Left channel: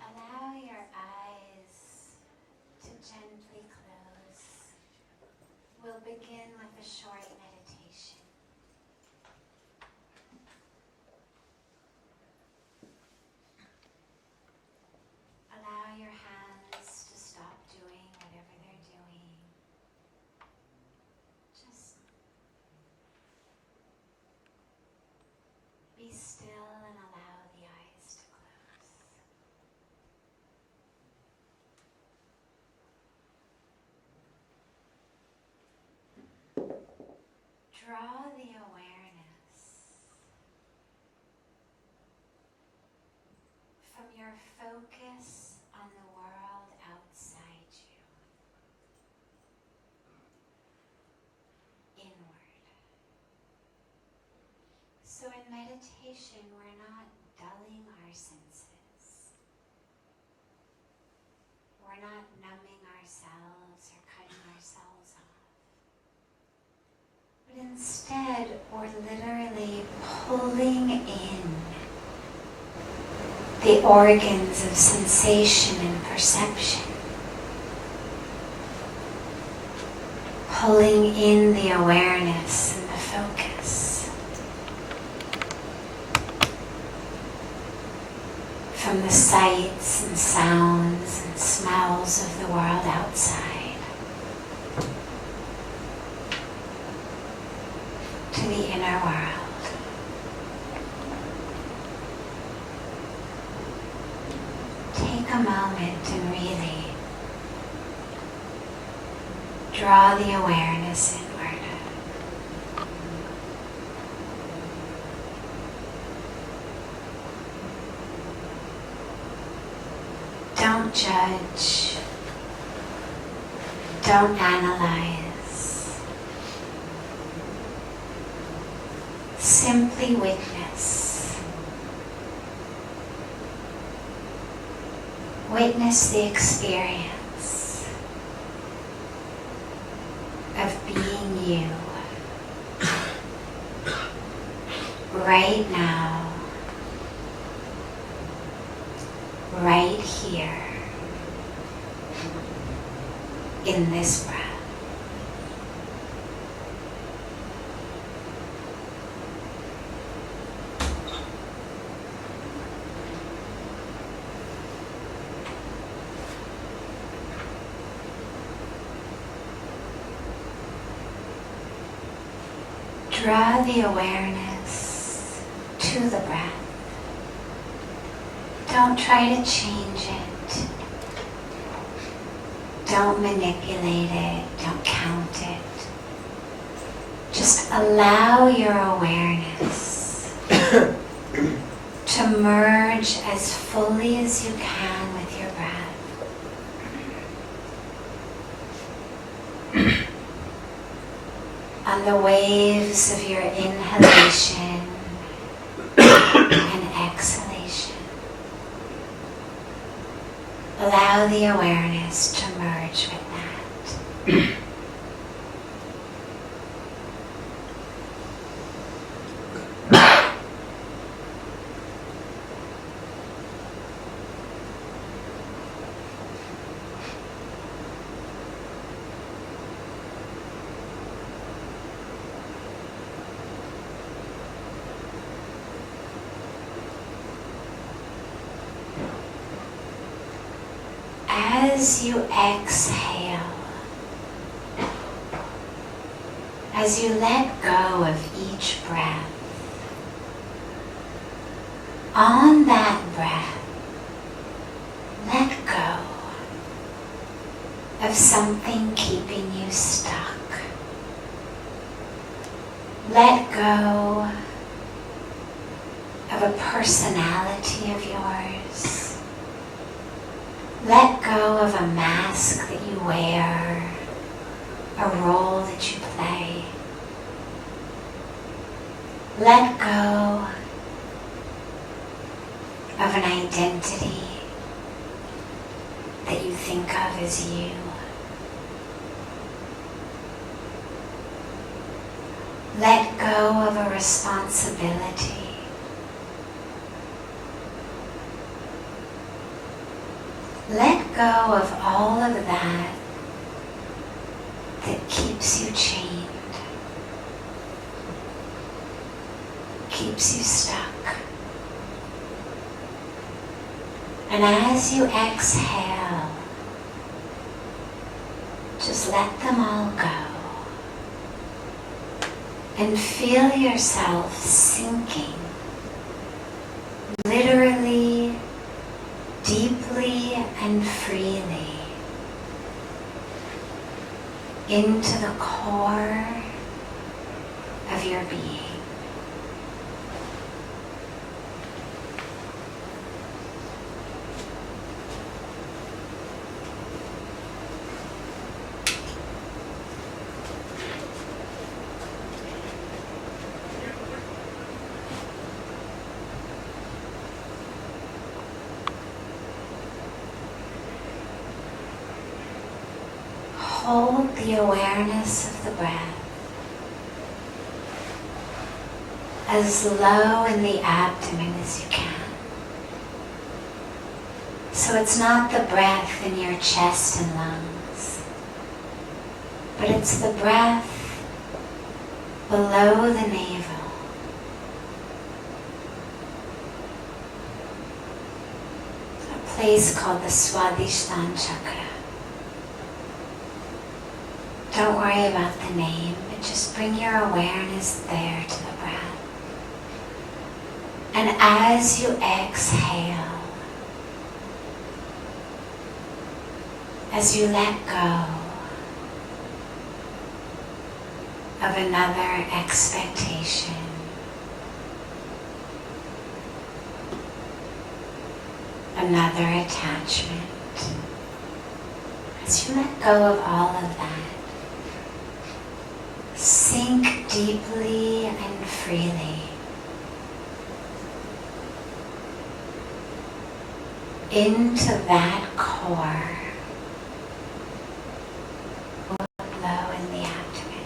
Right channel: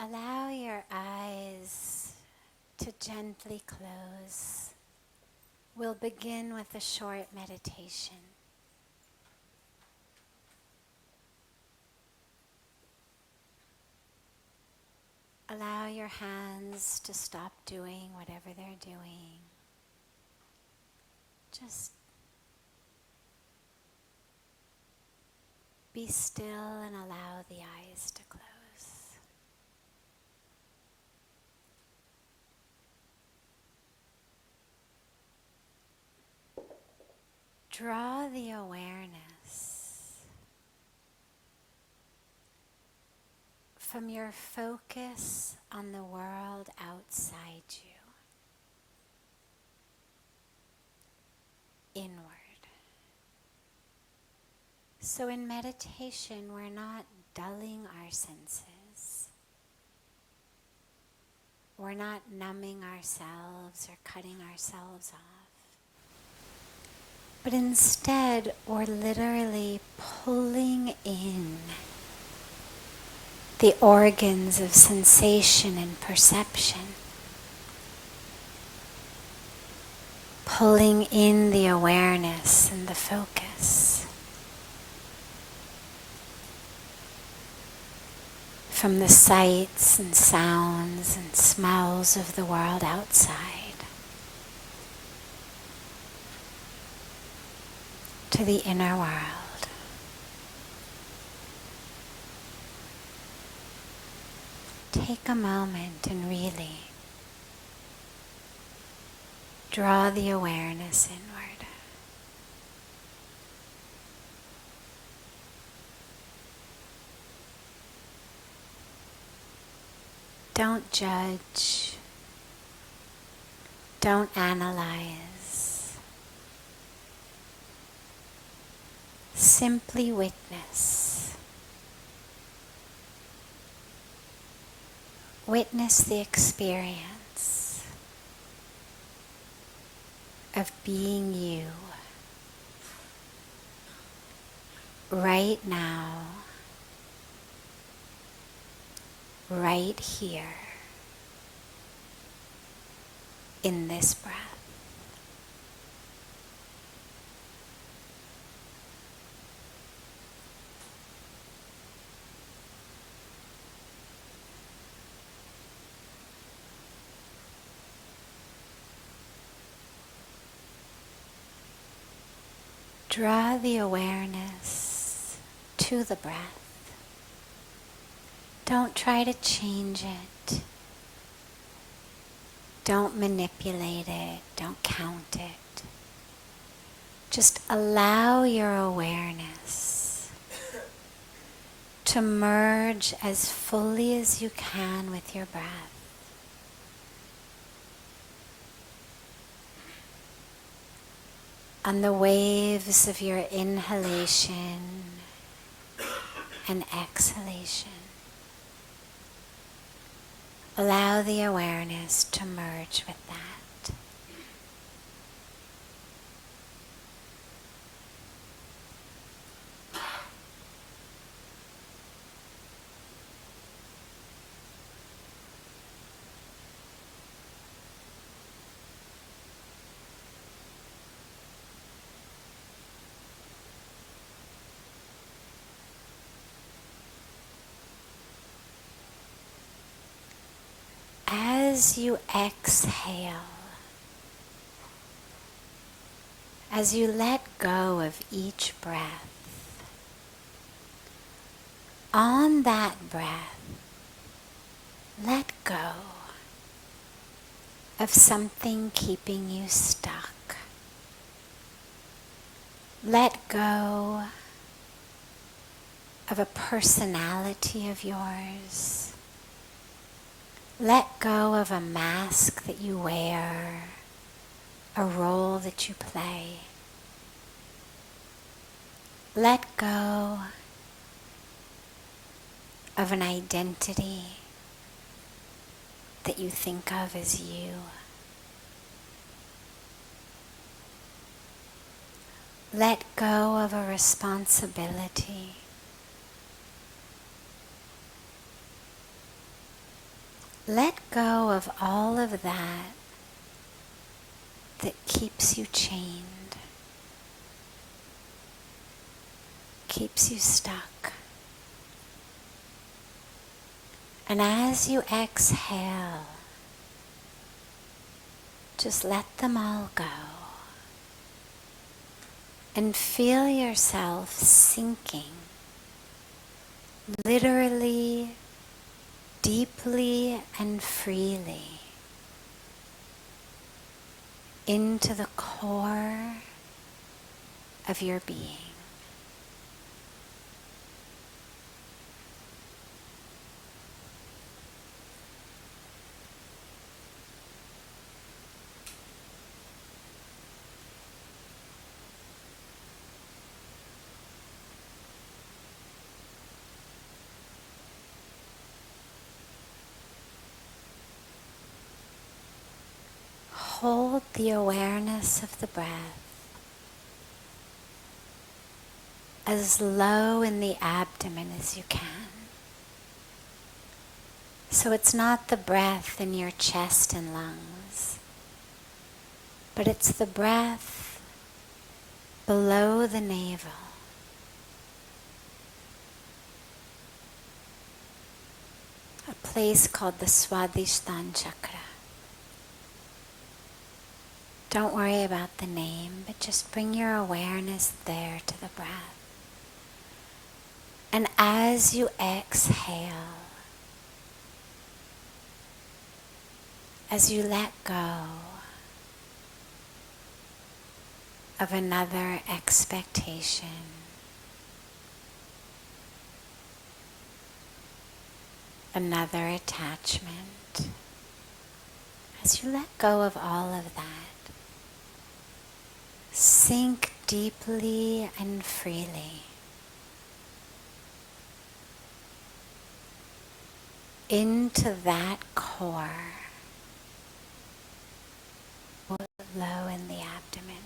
Allow your eyes to gently close. We'll begin with a short meditation. Allow your hands to stop doing whatever they're doing. Just be still and allow the eyes to close. Draw the awareness from your focus on the world outside you, inward. So in meditation, we're not dulling our senses. we're not numbing ourselves or cutting ourselves off. But instead, we're literally pulling in the organs of sensation and perception. Pulling in the awareness and the focus from the sights and sounds and smells of the world outside to the inner world. Take a moment and really draw the awareness inward. Don't judge. Don't analyze. Simply witness. Witness the experience of being you right now, right here, in this breath. Draw the awareness to the breath. Don't try to change it. Don't manipulate it. Don't count it. Just allow your awareness to merge as fully as you can with your breath. On the waves of your inhalation and exhalation, allow the awareness to merge with that. As you exhale, as you let go of each breath, on that breath, let go of something keeping you stuck. Let go of a personality of yours. Let go of a mask that you wear, a role that you play. Let go of an identity that you think of as you. Let go of a responsibility. Let go of all of that that keeps you chained, keeps you stuck. And as you exhale, just let them all go. And feel yourself sinking, literally, deeply and freely, into the core of your being. hold the awareness of the breath as low in the abdomen as you can. So it's not the breath in your chest and lungs, but it's the breath below the navel. A place called the Swadhisthana chakra. Don't worry about the name, but just bring your awareness there to the breath. And as you exhale, as you let go of another expectation, another attachment, as you let go of all of that, sink deeply and freely into that core low in the abdomen.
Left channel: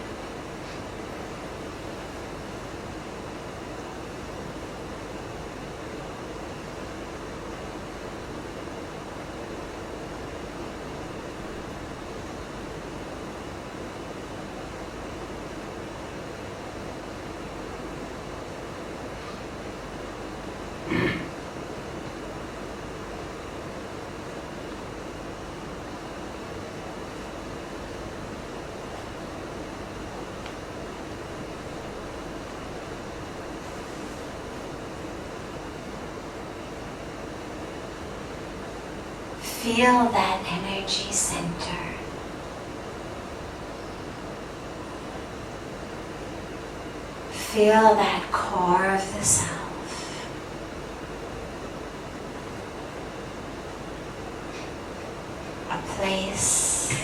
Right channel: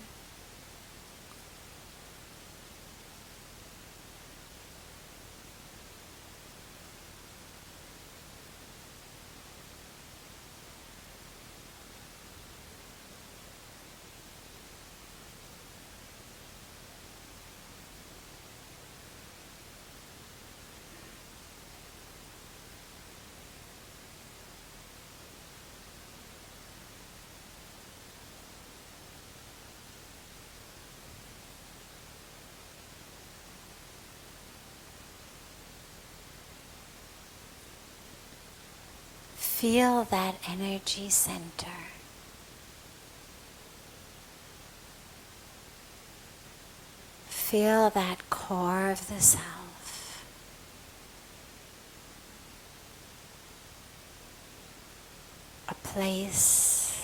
Feel that energy center. Feel that core of the self. A place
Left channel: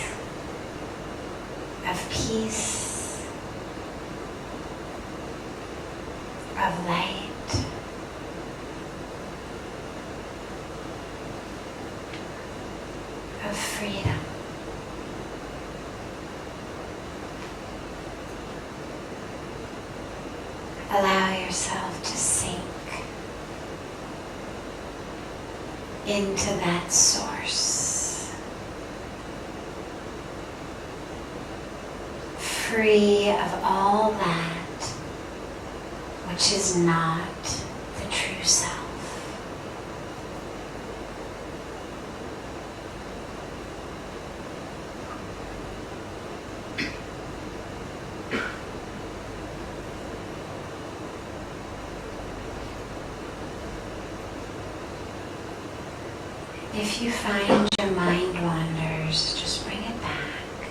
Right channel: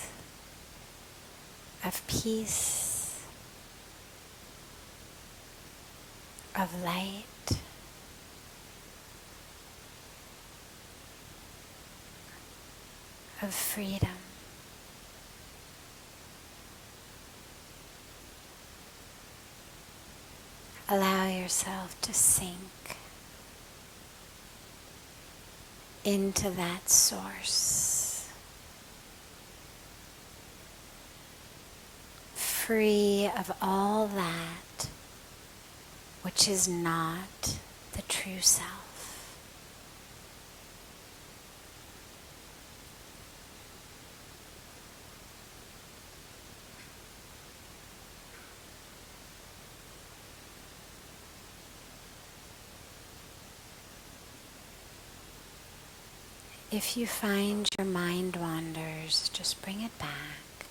of peace, of light. Of freedom. Allow yourself to sink into that source, free of all that which is not the true self. If you find your mind wanders, just bring it back.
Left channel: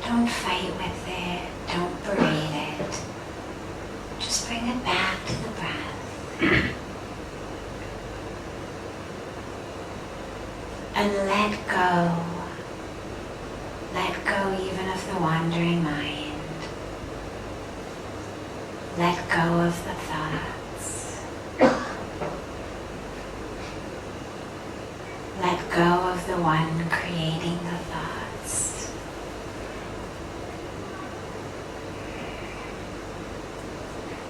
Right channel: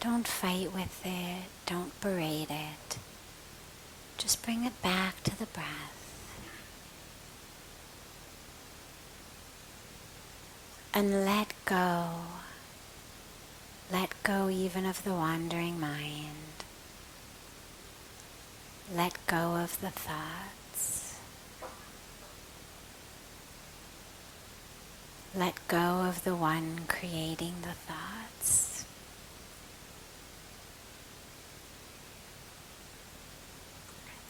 Don't fight with it, don't berate it. Just bring it back to the breath. And let go. Let go even of the wandering mind. Let go of the thoughts. Let go of the one creating the thoughts.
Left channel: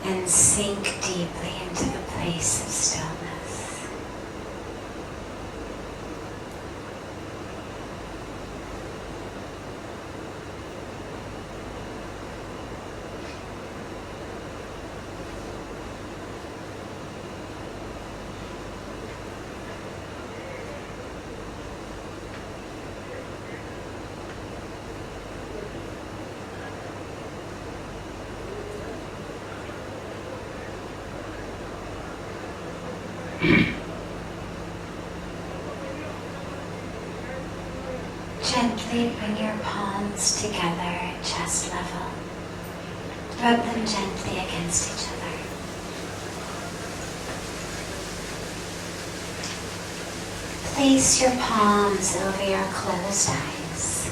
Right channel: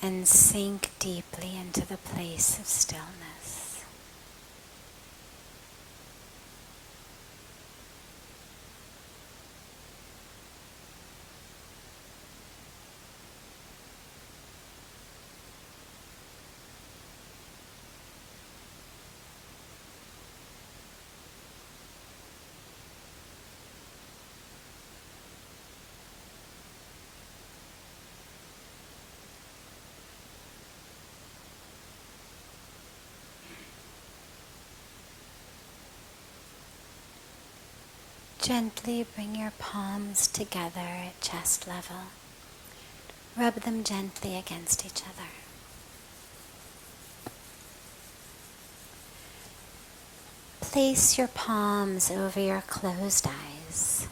And sink deeply into the place of stillness. Gently bring your palms together at chest level. Rub them gently against each other. Place your palms over your closed eyes.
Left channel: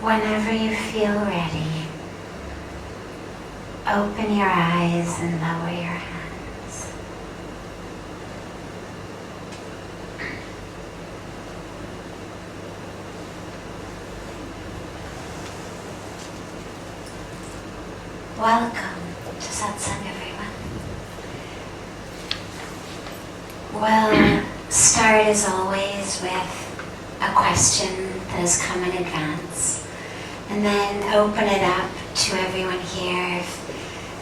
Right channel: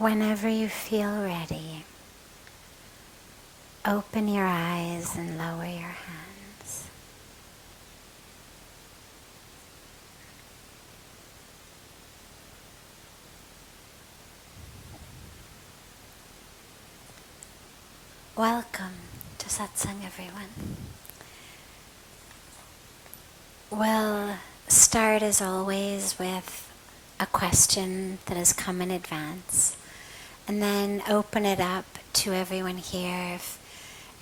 Whenever you feel ready, open your eyes and lower your hands. Welcome to Satsang, everyone. We'll start as always with a question that has come in advance, and then open it up to everyone here. If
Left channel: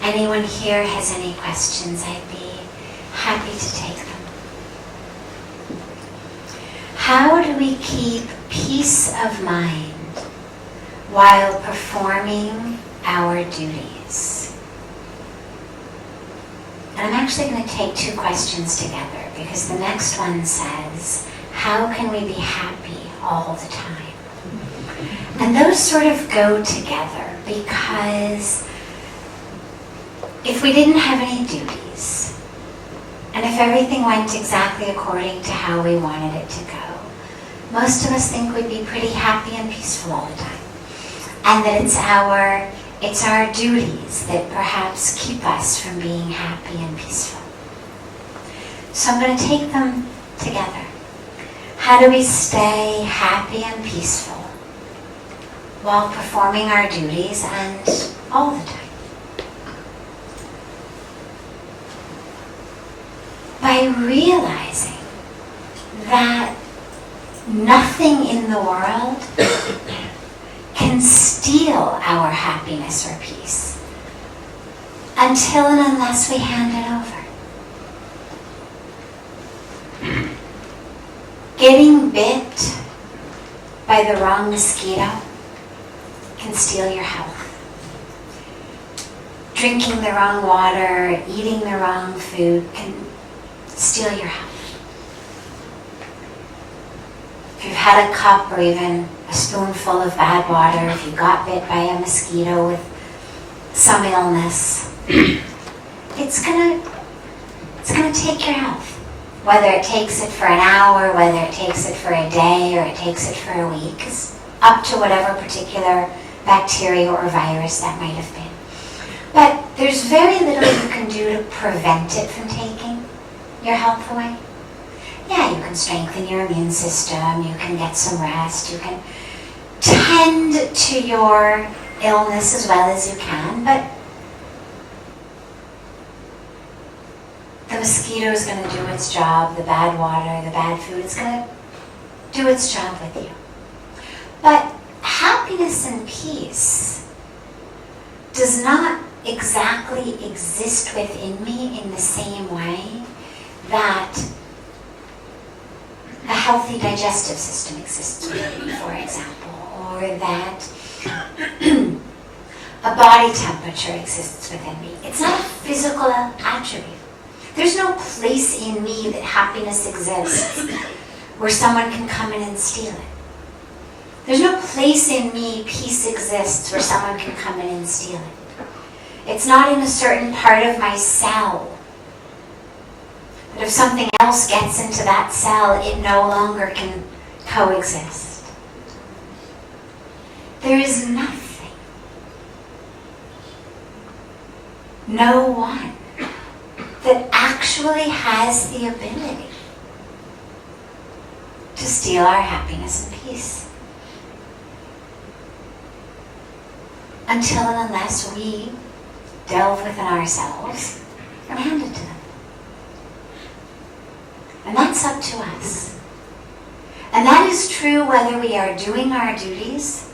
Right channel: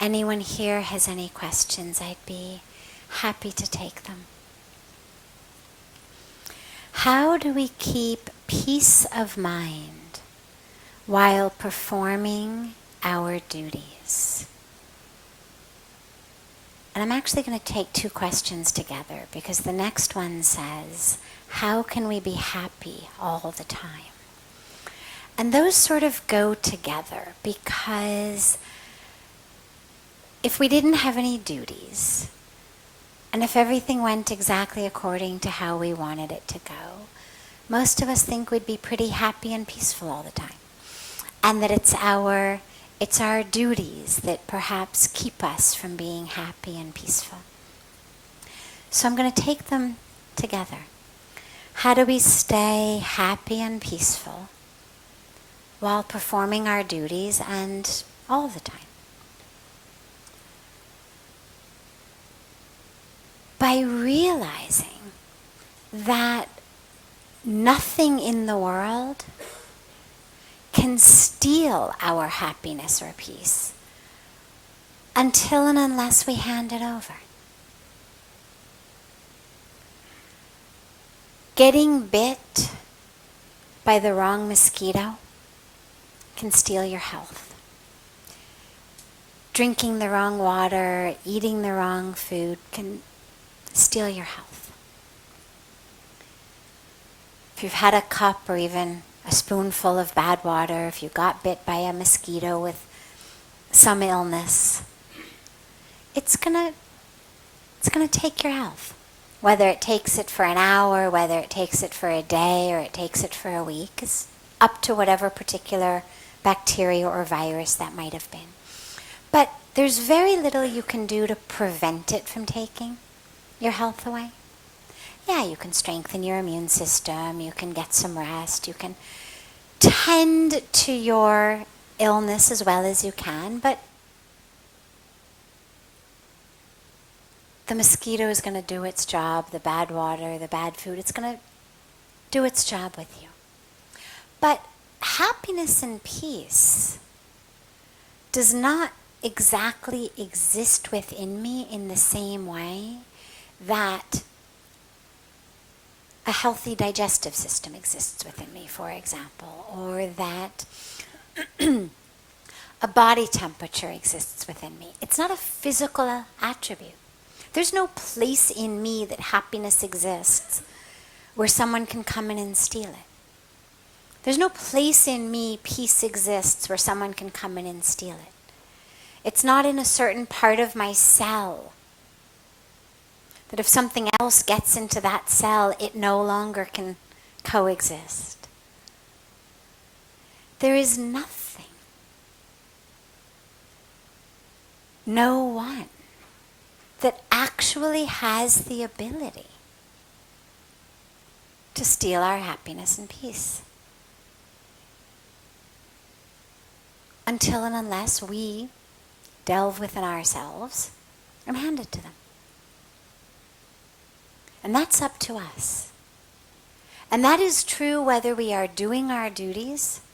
anyone here has any questions, I'd be happy to take them. How do we keep peace of mind while performing our duties? And I'm actually going to take two questions together, because the next one says, how can we be happy all the time? And those sort of go together, because if we didn't have any duties, and if everything went exactly according to how we wanted it to go, most of us think we'd be pretty happy and peaceful all the time. And that it's our duties that perhaps keep us from being happy and peaceful. So I'm going to take them together. How do we stay happy and peaceful while performing our duties and all the time? By realizing that nothing in the world can steal our happiness or peace until and unless we hand it over. Getting bit by the wrong mosquito can steal your health. Drinking the wrong water, eating the wrong food can steal your health. If you've had a cup or even a spoonful of bad water, if you got bit by a mosquito with some illness, it's gonna take your health. Whether it takes it for an hour, whether it takes it for a day, or it takes it for a week, it's up to whatever particular bacteria or virus that might have been. But there's very little you can do to prevent it from taking your health away. Yeah, you can strengthen your immune system, you can get some rest, you can tend to your illness as well as you can, but the mosquito is going to do its job, the bad water, the bad food, it's going to do its job with you. But happiness and peace does not exactly exist within me in the same way that a healthy digestive system exists within me, for example, or that a body temperature exists within me. It's not a physical attribute. There's no place in me that happiness exists where someone can come in and steal it. There's no place in me peace exists where someone can come in and steal it. It's not in a certain part of my cell. But if something else gets into that cell, it no longer can coexist. There is nothing, no one, that actually has the ability to steal our happiness and peace. Until and unless we delve within ourselves and hand it to them. And that's up to us. And that is true whether we are doing our duties,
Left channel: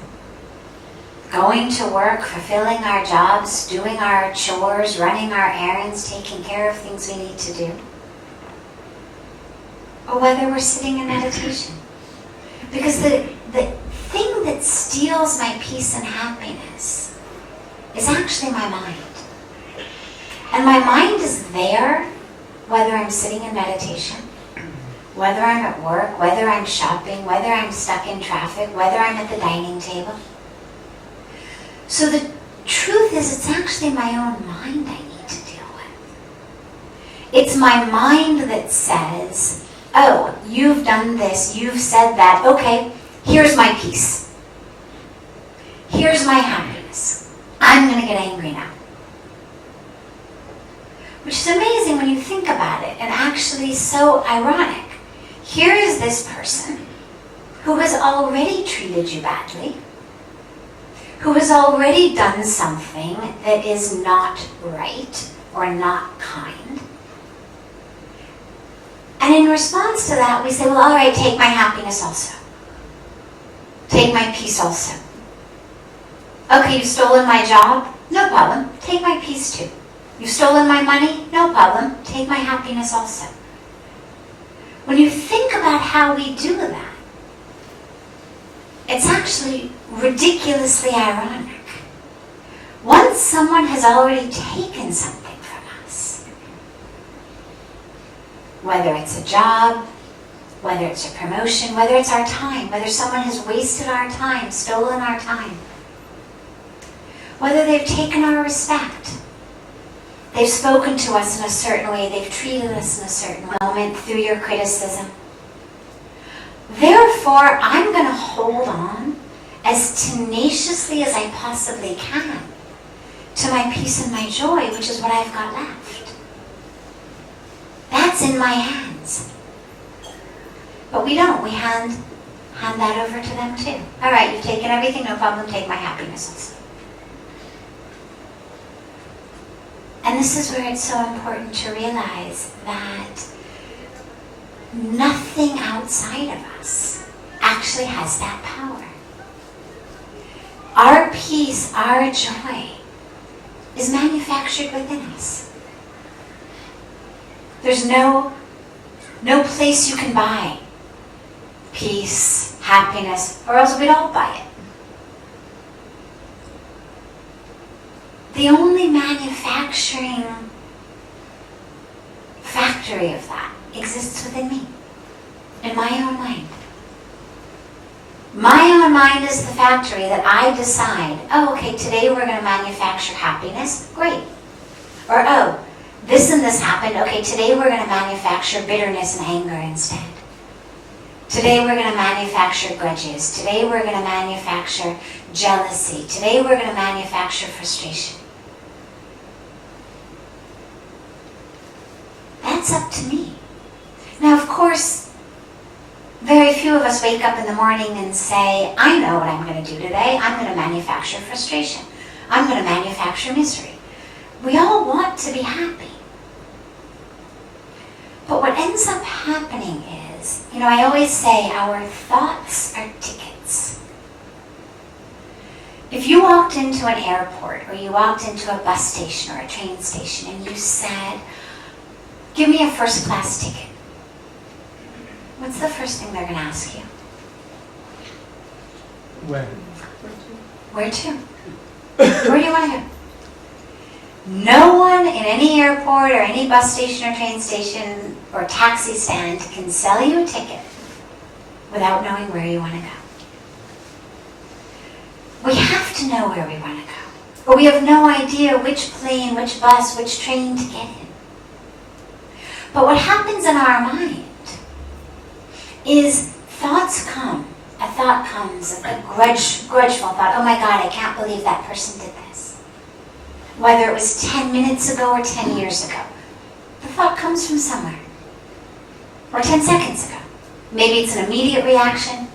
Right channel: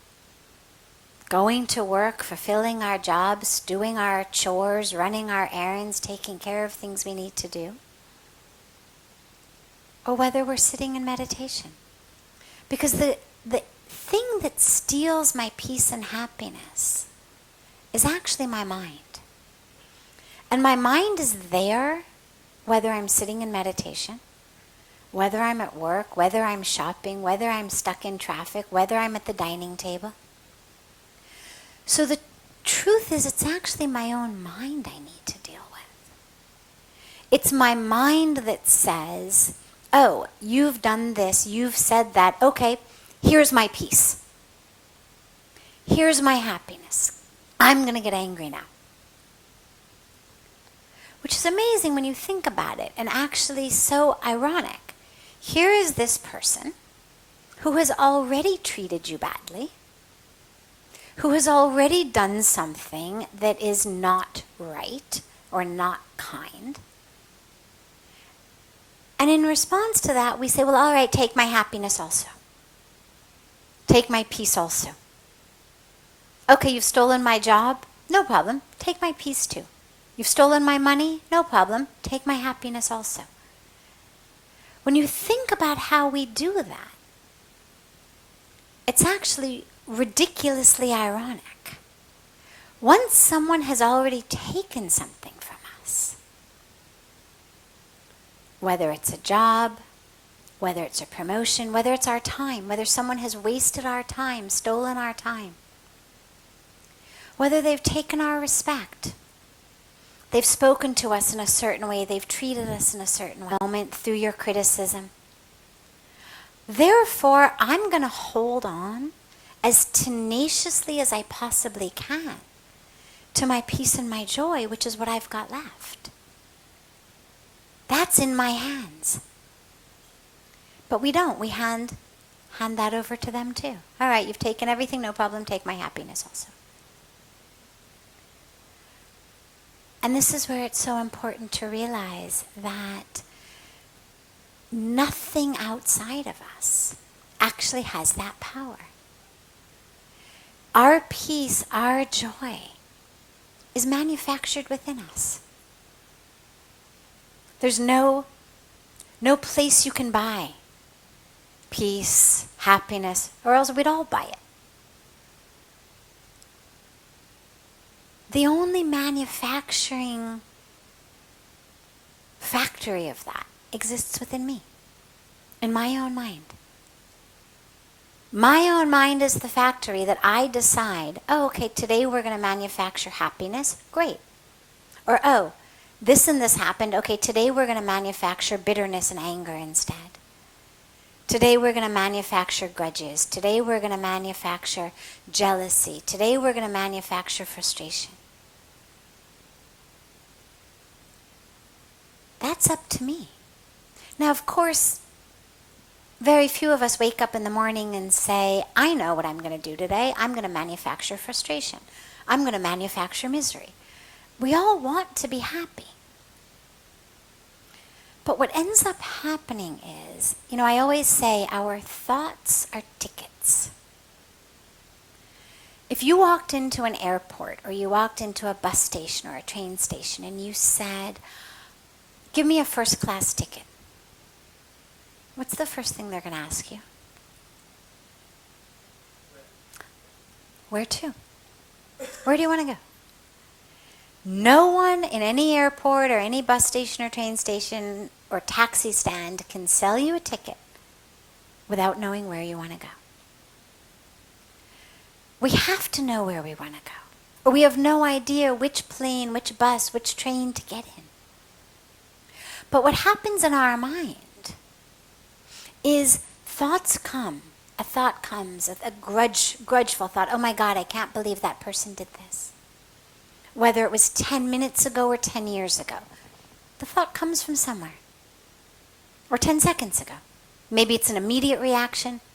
going to work, fulfilling our jobs, doing our chores, running our errands, taking care of things we need to do, or whether we're sitting in meditation. Because the thing that steals my peace and happiness is actually my mind. And my mind is there whether I'm sitting in meditation, whether I'm at work, whether I'm shopping, whether I'm stuck in traffic, whether I'm at the dining table. So the truth is, it's actually my own mind I need to deal with. It's my mind that says, oh, you've done this, you've said that, okay, here's my peace. Here's my happiness. I'm going to get angry now. which is amazing when you think about it, and actually so ironic. Here is this person who has already treated you badly, who has already done something that is not right or not kind. And in response to that, we say, well, all right, take my happiness also. Take my peace also. Okay, you've stolen my job? No problem. Take my peace too. You've stolen my money? No problem. Take my happiness also. When you think about how we do that, it's actually ridiculously ironic. Once someone has already taken something from us, whether it's a job, whether it's a promotion, whether it's our time, whether someone has wasted our time, stolen our time, whether they've taken our respect, they've spoken to us in a certain way, they've treated us in a certain moment through your criticism. Therefore, I'm going to hold on as tenaciously as I possibly can to my peace and my joy, which is what I've got left. That's in my hands. But we don't. We hand that over to them too. All right, you've taken everything, no problem, take my happiness also. And this is where it's so important to realize that nothing outside of us actually has that power. Our peace, our joy, is manufactured within us. There's no place you can buy peace, happiness, or else we'd all buy it. The only manufacturing factory of that exists within me, in my own mind. My own mind is the factory that I decide, oh, okay, today we're going to manufacture happiness. Great. Or, oh, this and this happened. Okay, today we're going to manufacture bitterness and anger instead. Today we're going to manufacture grudges. Today we're going to manufacture jealousy. Today we're going to manufacture frustration. That's up to me. Now, of course, very few of us wake up in the morning and say, I know what I'm going to do today. I'm going to manufacture frustration. I'm going to manufacture misery. We all want to be happy. But what ends up happening is, I always say our thoughts are tickets. If you walked into an airport or you walked into a bus station or a train station and you said, give me a first class ticket, what's the first thing they're going to ask you? When? Where to? Where do you want to go? No one in any airport or any bus station or train station or taxi stand can sell you a ticket without knowing where you want to go. We have to know where we want to go. Or we have no idea which plane, which bus, which train to get in. But what happens in our mind is thoughts come. A thought comes, a grudgeful thought. Oh my God, I can't believe that person did this. Whether it was 10 minutes ago or 10 years ago. The thought comes from somewhere. Or 10 seconds ago. Maybe it's an immediate reaction.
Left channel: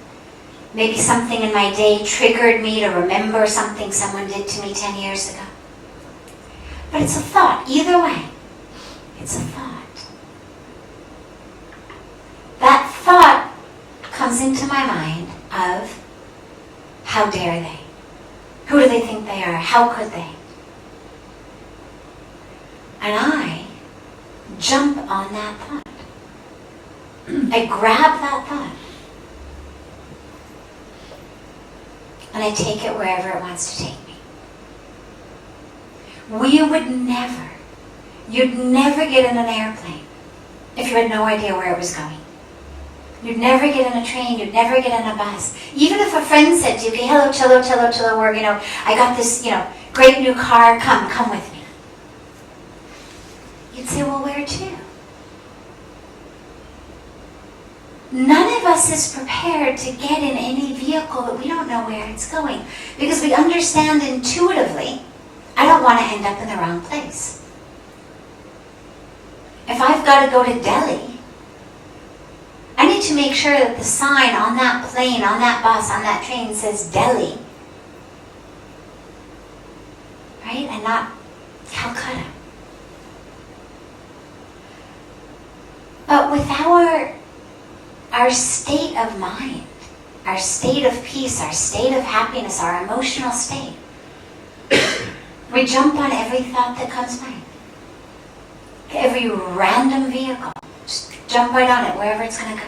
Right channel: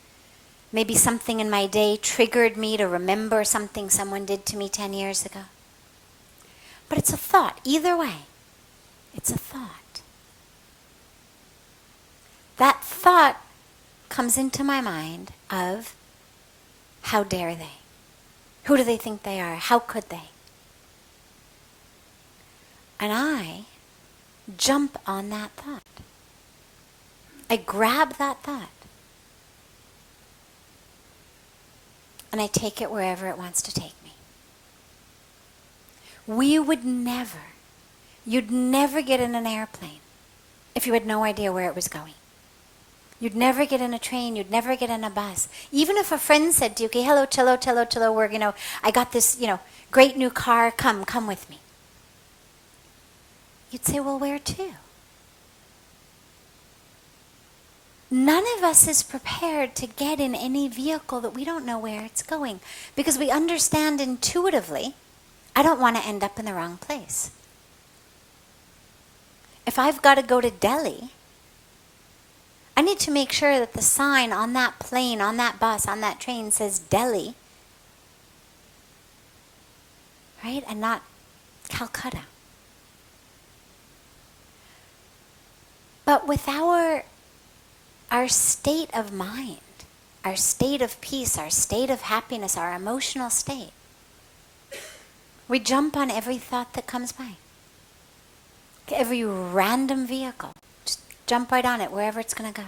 Maybe something in my day triggered me to remember something someone did to me 10 years ago. But it's a thought. Either way, it's a thought. That thought comes into my mind of, how dare they? Who do they think they are? How could they? And I jump on that thought. I grab that thought. And I take it wherever it wants to take me. You'd never get in an airplane if you had no idea where it was going. You'd never get in a train, you'd never get in a bus. Even if a friend said to you, okay, hello, Chilo, or, I got this, great new car, come with me. You'd say, well, where to? None of us is prepared to get in any vehicle that we don't know where it's going. Because we understand intuitively, I don't want to end up in the wrong place. If I've got to go to Delhi, I need to make sure that the sign on that plane, on that bus, on that train says Delhi. Right? And not Calcutta. But with our state of mind, our state of peace, our state of happiness, our emotional state, we jump on every thought that comes by. Every random vehicle. Just jump right on it, wherever it's going to go.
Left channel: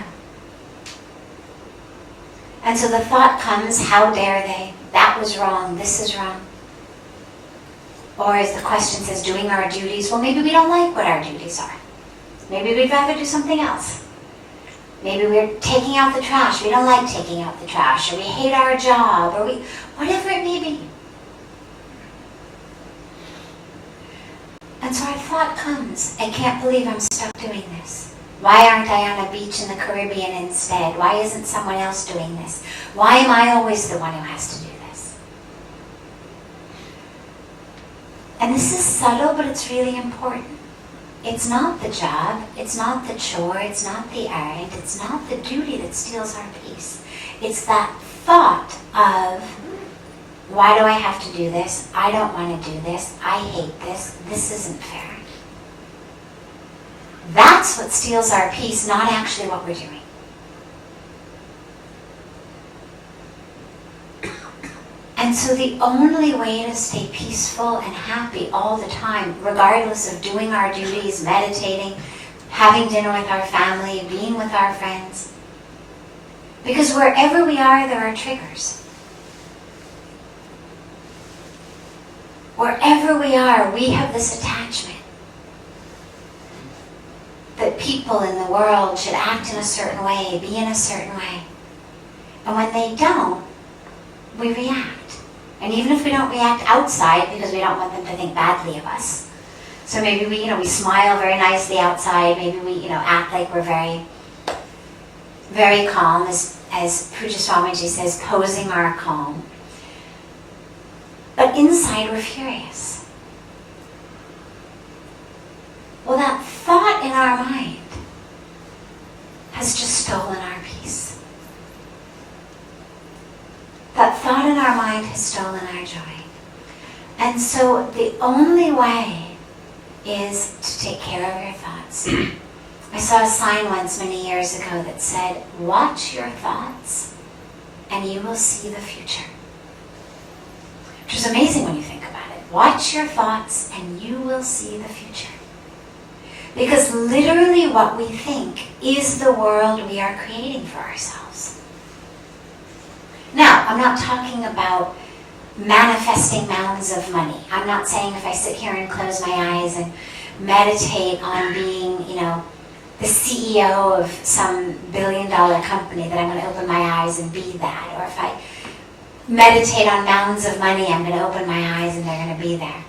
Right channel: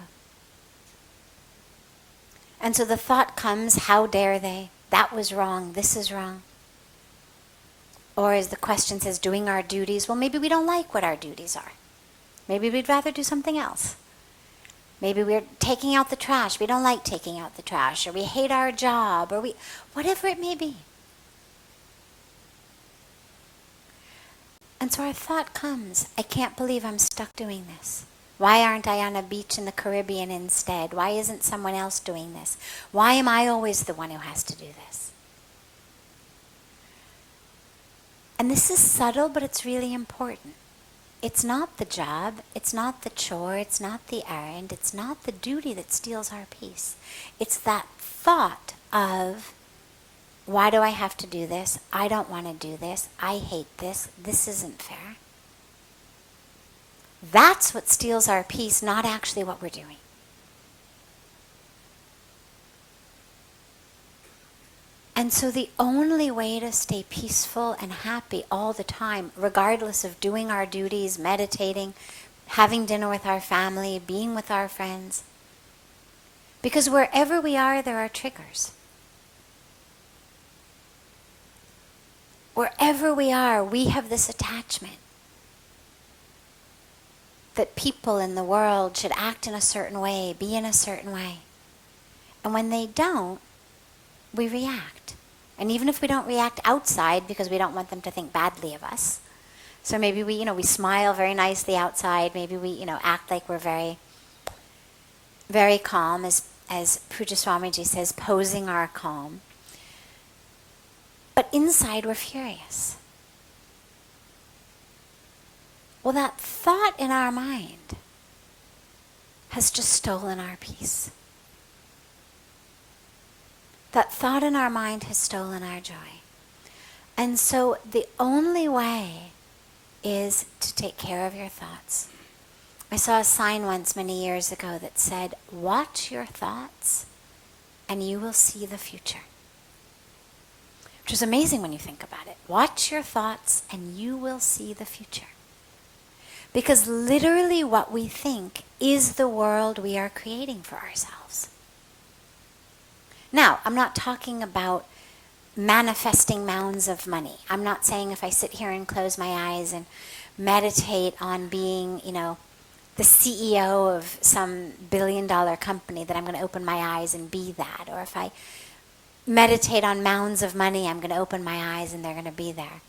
And so the thought comes, how dare they? That was wrong, this is wrong. Or as the question says, doing our duties. Well, maybe we don't like what our duties are. Maybe we'd rather do something else. Maybe we're taking out the trash. We don't like taking out the trash. Or we hate our job. Or whatever it may be. And so our thought comes, I can't believe I'm stuck doing this. Why aren't I on a beach in the Caribbean instead? Why isn't someone else doing this? Why am I always the one who has to do this? And this is subtle, but it's really important. It's not the job, it's not the chore, it's not the errand, it's not the duty that steals our peace. It's that thought of, why do I have to do this? I don't want to do this. I hate this. This isn't fair. That's what steals our peace, not actually what we're doing. And so the only way to stay peaceful and happy all the time, regardless of doing our duties, meditating, having dinner with our family, being with our friends, because wherever we are, there are triggers. Wherever we are, we have this attachment that people in the world should act in a certain way, be in a certain way. And when they don't, we react. And even if we don't react outside, because we don't want them to think badly of us. So maybe we smile very nicely outside, maybe we act like we're very, very calm, as Puja Swamiji says, posing our calm. But inside we're furious. Well, that thought in our mind has just stolen our peace. That thought in our mind has stolen our joy. And so the only way is to take care of your thoughts. I saw a sign once many years ago that said, watch your thoughts and you will see the future. Which is amazing when you think about it. Watch your thoughts and you will see the future. Because literally what we think is the world we are creating for ourselves. Now, I'm not talking about manifesting mounds of money. I'm not saying if I sit here and close my eyes and meditate on being, the CEO of some billion-dollar company that I'm going to open my eyes and be that. Or if I meditate on mounds of money, I'm going to open my eyes and they're going to be there.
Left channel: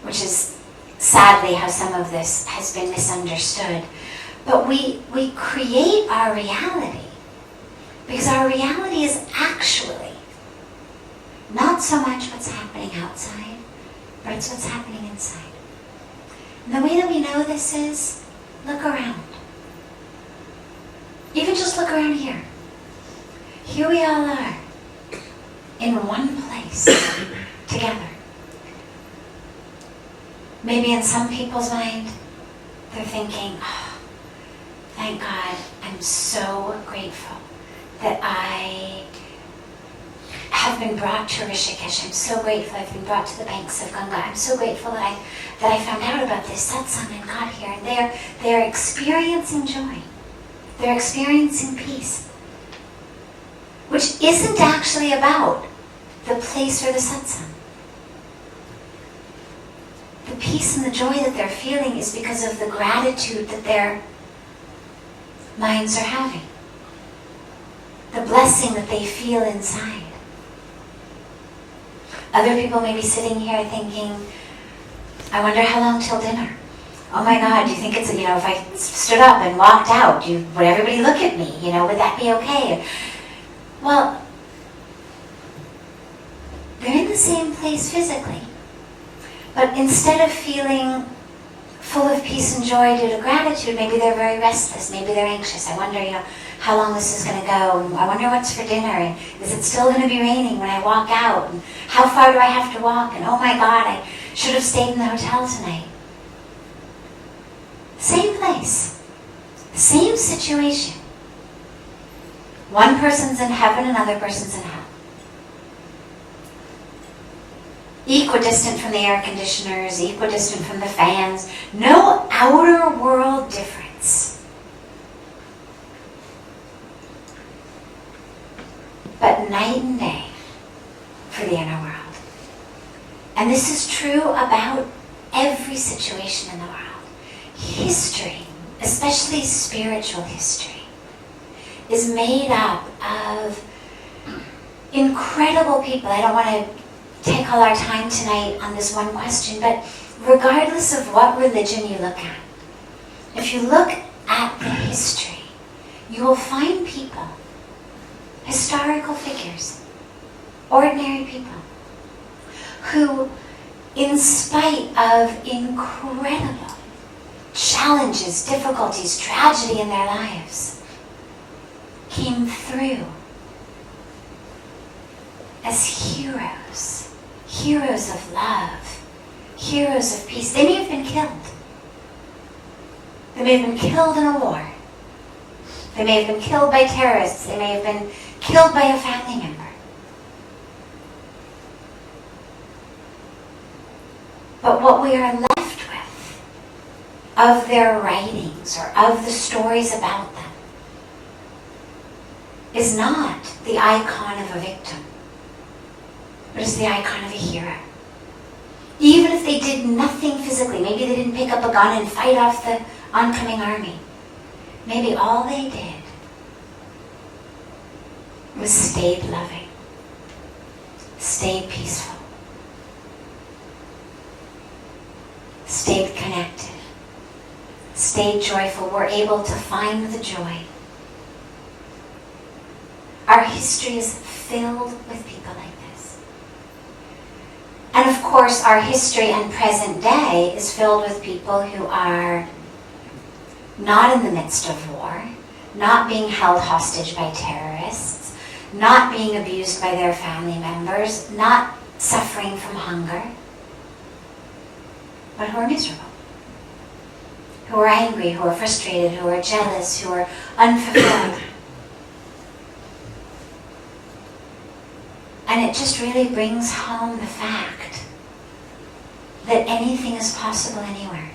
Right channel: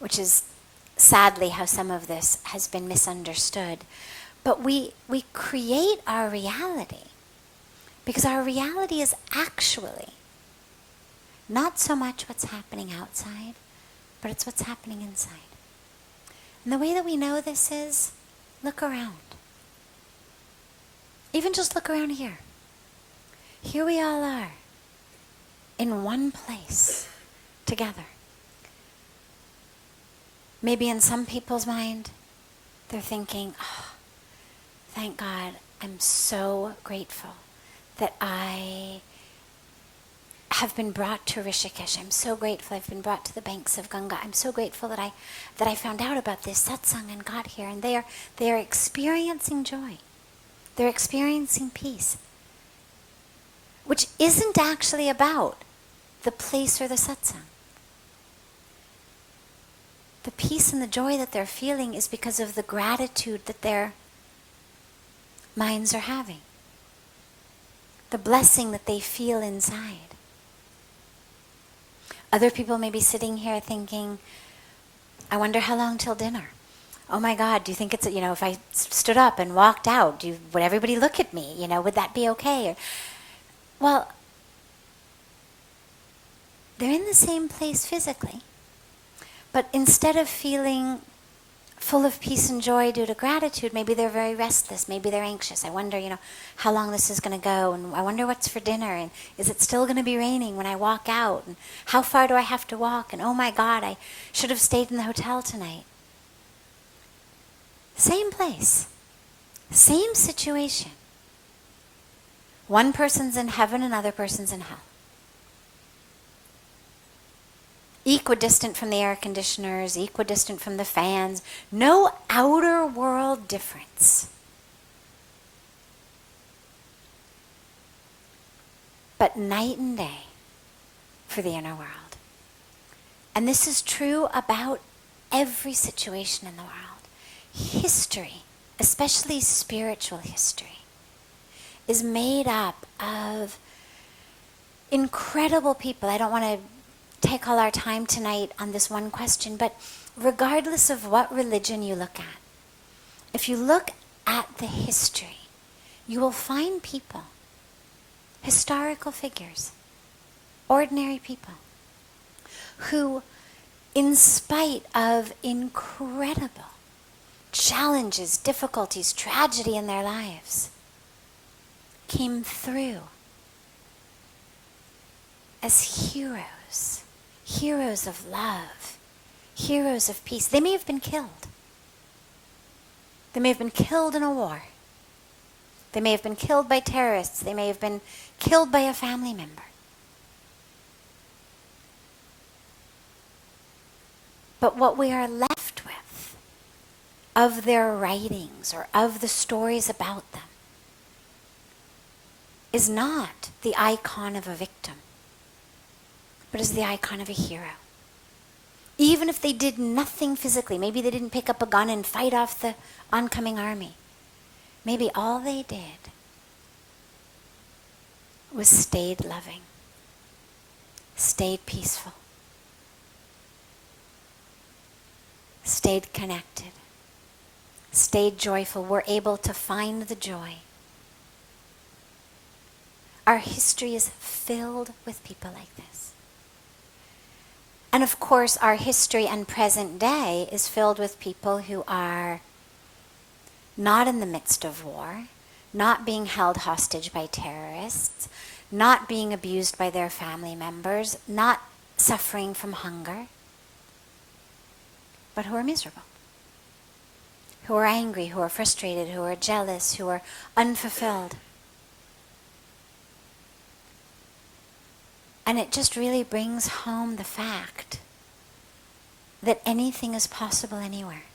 Which is sadly how some of this has been misunderstood. But we create our reality. Because our reality is actually not so much what's happening outside, but it's what's happening inside. And the way that we know this is, look around. Even just look around here. Here we all are, in one place, together. Maybe in some people's mind, they're thinking, oh, thank God, I'm so grateful that I have been brought to Rishikesh. I'm so grateful I've been brought to the banks of Ganga. I'm so grateful that I found out about this satsang and got here. And they're experiencing joy. They're experiencing peace. Which isn't actually about the place or the satsang. The peace and the joy that they're feeling is because of the gratitude that their minds are having. The blessing that they feel inside. Other people may be sitting here thinking, I wonder how long till dinner. Oh my God, do you think it's, if I stood up and walked out, would everybody look at me? Would that be okay? Well, they're in the same place physically. But instead of feeling full of peace and joy due to gratitude. Maybe they're very restless. Maybe they're anxious. I wonder, how long this is going to go. And I wonder what's for dinner. And is it still going to be raining when I walk out? And how far do I have to walk? And oh my God, I should have stayed in the hotel tonight. Same place. Same situation. One person's in heaven, another person's in hell. Equidistant from the air conditioners, equidistant from the fans. No outer world difference. But night and day for the inner world. And this is true about every situation in the world. History, especially spiritual history, is made up of incredible people. I don't want to take all our time tonight on this one question, but regardless of what religion you look at, if you look at the history, you will find people, historical figures, ordinary people, who, in spite of incredible challenges, difficulties, tragedy in their lives, came through as heroes, heroes of love, heroes of peace. They may have been killed. They may have been killed in a war. They may have been killed by terrorists. They may have been killed by a family member. But what we are left with of their writings or of the stories about them is not the icon of a victim, but is the icon of a hero. Even if they did nothing physically, maybe they didn't pick up a gun and fight off the oncoming army, maybe all they did was stayed loving, stayed peaceful, stayed connected, stayed joyful, were able to find the joy. Our history is filled with people like this. And of course, our history and present day is filled with people who are not in the midst of war, not being held hostage by terrorists, not being abused by their family members, not suffering from hunger, but who are miserable, who are angry, who are frustrated, who are jealous, who are unfulfilled. And it just really brings home the fact that anything is possible anywhere.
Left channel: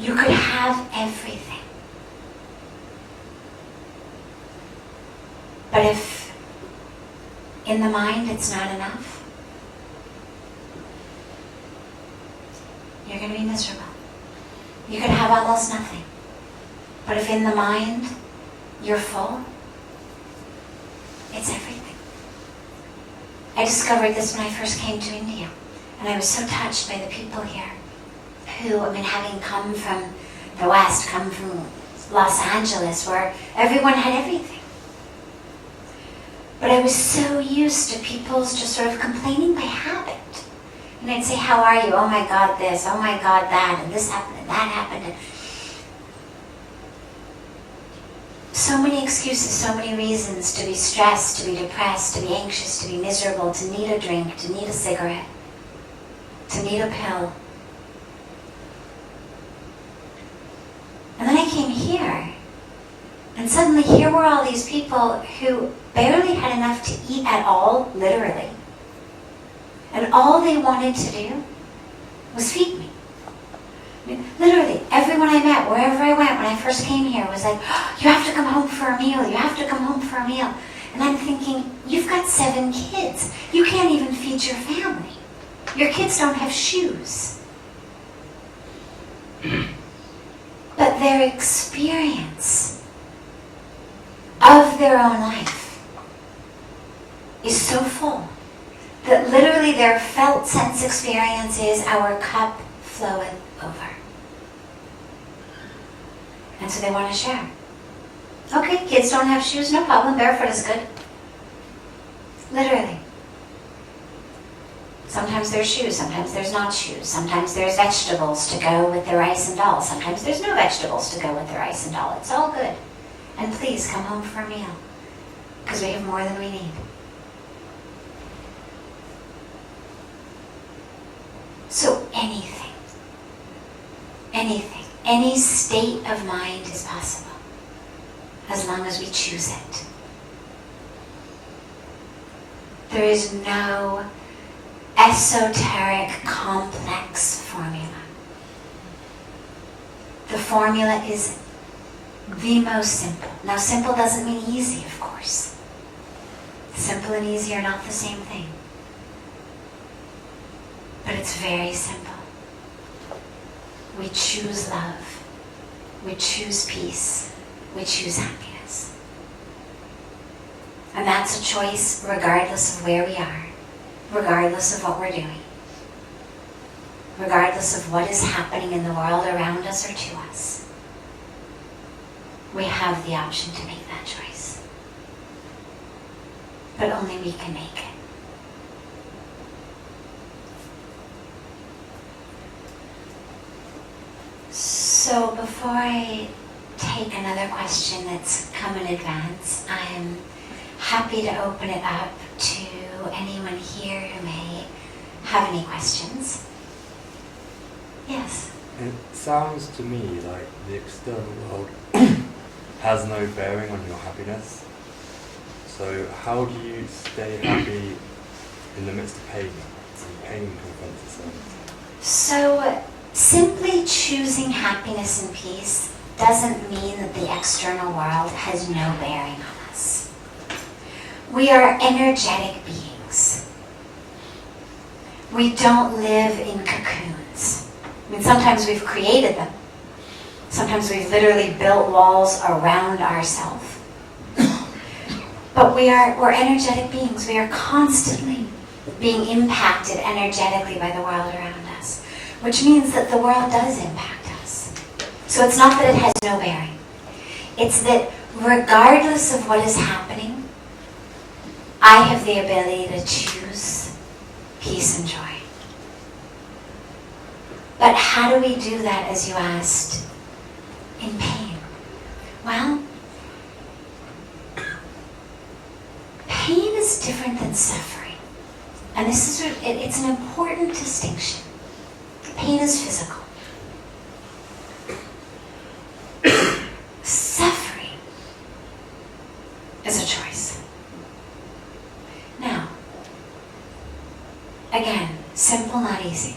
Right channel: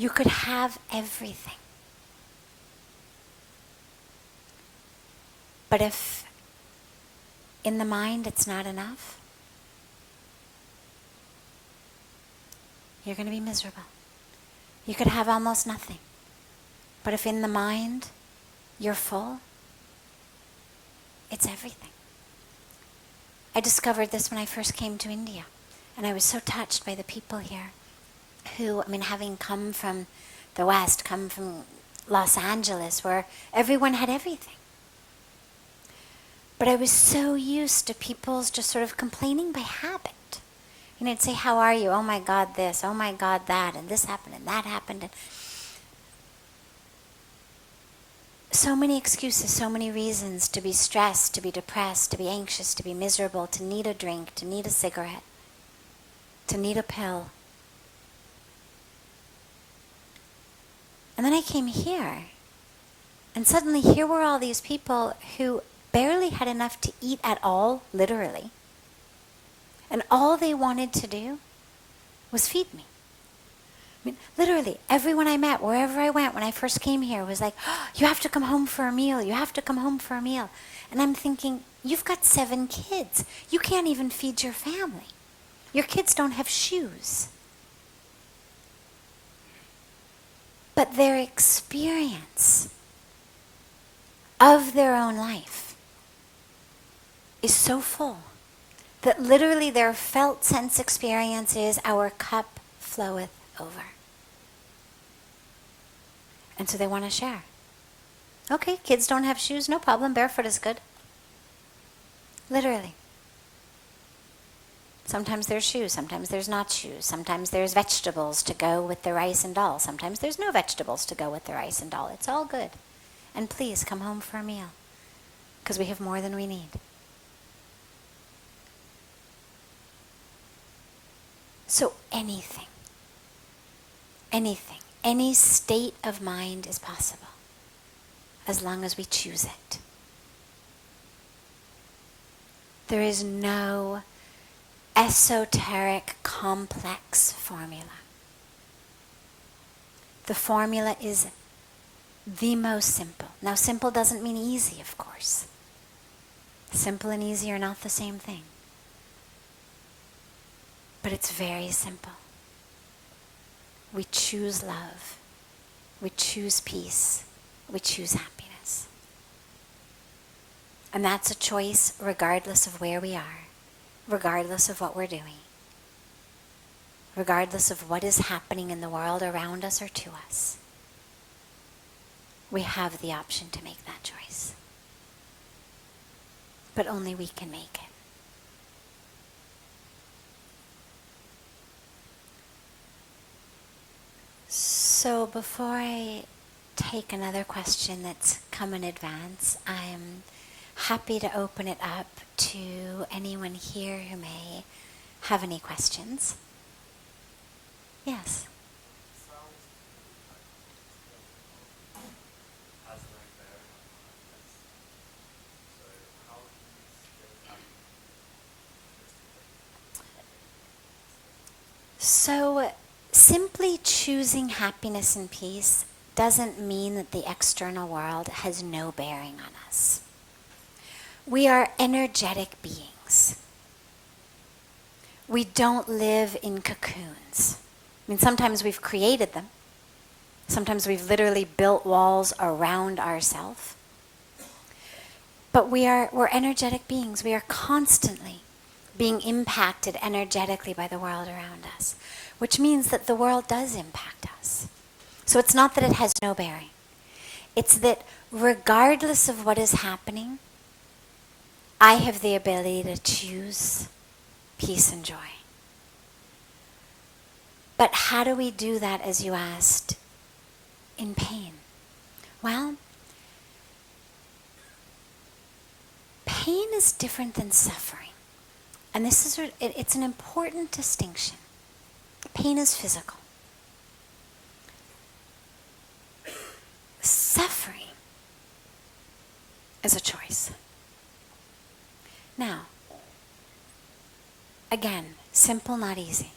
You could have everything. But if in the mind it's not enough, you're going to be miserable. You could have almost nothing. But if in the mind you're full, it's everything. I discovered this when I first came to India, and I was so touched by the people here who, having come from the West, come from Los Angeles, where everyone had everything. But I was so used to people's just sort of complaining by habit. And I'd say, how are you? Oh my God, this. Oh my God, that. And this happened and that happened. And so many excuses, so many reasons to be stressed, to be depressed, to be anxious, to be miserable, to need a drink, to need a cigarette, to need a pill. And then I came here, and suddenly here were all these people who barely had enough to eat at all, literally. And all they wanted to do was feed me. Literally, everyone I met, wherever I went when I first came here, was like, oh, you have to come home for a meal, you have to come home for a meal. And I'm thinking, you've got 7 kids. You can't even feed your family. Your kids don't have shoes. But their experience of their own life is so full that literally their felt sense experience is our cup floweth over. And so they want to share. Okay, kids don't have shoes, no problem, barefoot is good. Literally. Sometimes there's shoes, sometimes there's not shoes. Sometimes there's vegetables to go with the rice and dal. Sometimes there's no vegetables to go with the rice and dal. It's all good. And please come home for a meal, because we have more than we need. So anything, any state of mind is possible, as long as we choose it. There is no esoteric, complex formula. The formula is the most simple. Now, simple doesn't mean easy, of course. Simple and easy are not the same thing. But it's very simple. We choose love. We choose peace. We choose happiness. And that's a choice regardless of where we are, regardless of what we're doing, regardless of what is happening in the world around us or to us. We have the option to make that choice. But only we can make it. So before I take another question that's come in advance, I am happy to open it up to anyone here who may have any questions. Yes? It sounds to me like the external world has no bearing on your happiness. So how do you stay happy in the midst of pain? And pain confronts itself. So simply choosing happiness and peace doesn't mean that the external world has no bearing on us. We are energetic beings. We don't live in cocoons. I mean, sometimes we've created them. Sometimes we've literally built walls around ourselves. But we're energetic beings. We are constantly being impacted energetically by the world around us, which means that the world does impact us. So it's not that it has no bearing. It's that regardless of what is happening, I have the ability to choose peace and joy. But how do we do that, as you asked, in pain? Well, pain is different than suffering. And this is it's an important distinction. Pain is physical. Suffering is a choice. Now, again, simple, not easy.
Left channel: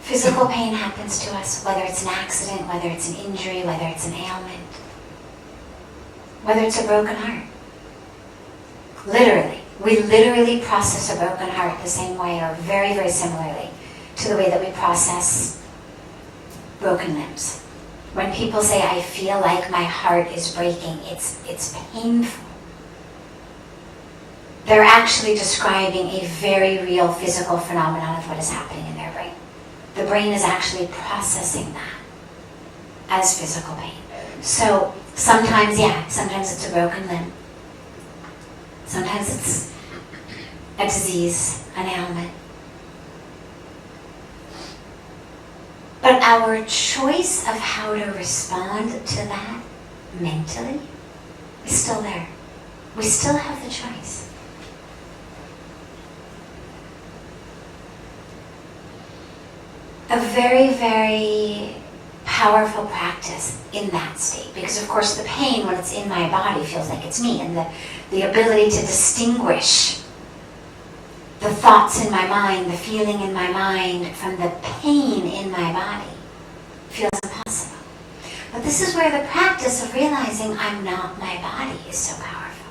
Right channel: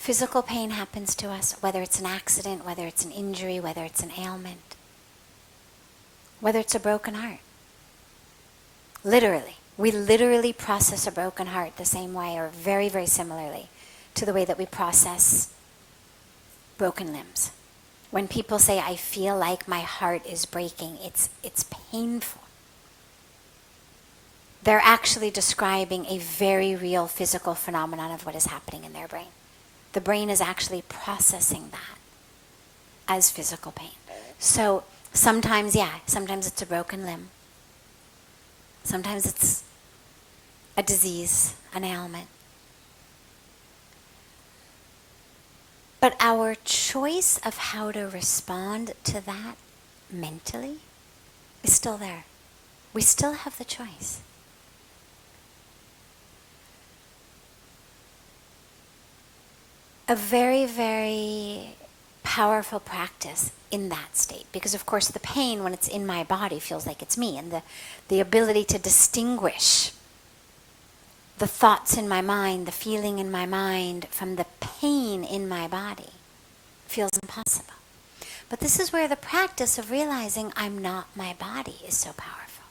Physical pain happens to us, whether it's an accident, whether it's an injury, whether it's an ailment, whether it's a broken heart. Literally. We literally process a broken heart the same way, or very, very similarly, to the way that we process broken limbs. When people say, I feel like my heart is breaking, it's painful. They're actually describing a very real physical phenomenon of what is happening in their brain. The brain is actually processing that as physical pain. So sometimes it's a broken limb. Sometimes it's a disease, an ailment. But our choice of how to respond to that mentally is still there. We still have the choice. A very, very powerful practice in that state, because of course the pain, when it's in my body, feels like it's me, and the ability to distinguish the thoughts in my mind, the feeling in my mind from the pain in my body feels impossible. But this is where the practice of realizing I'm not my body is so powerful.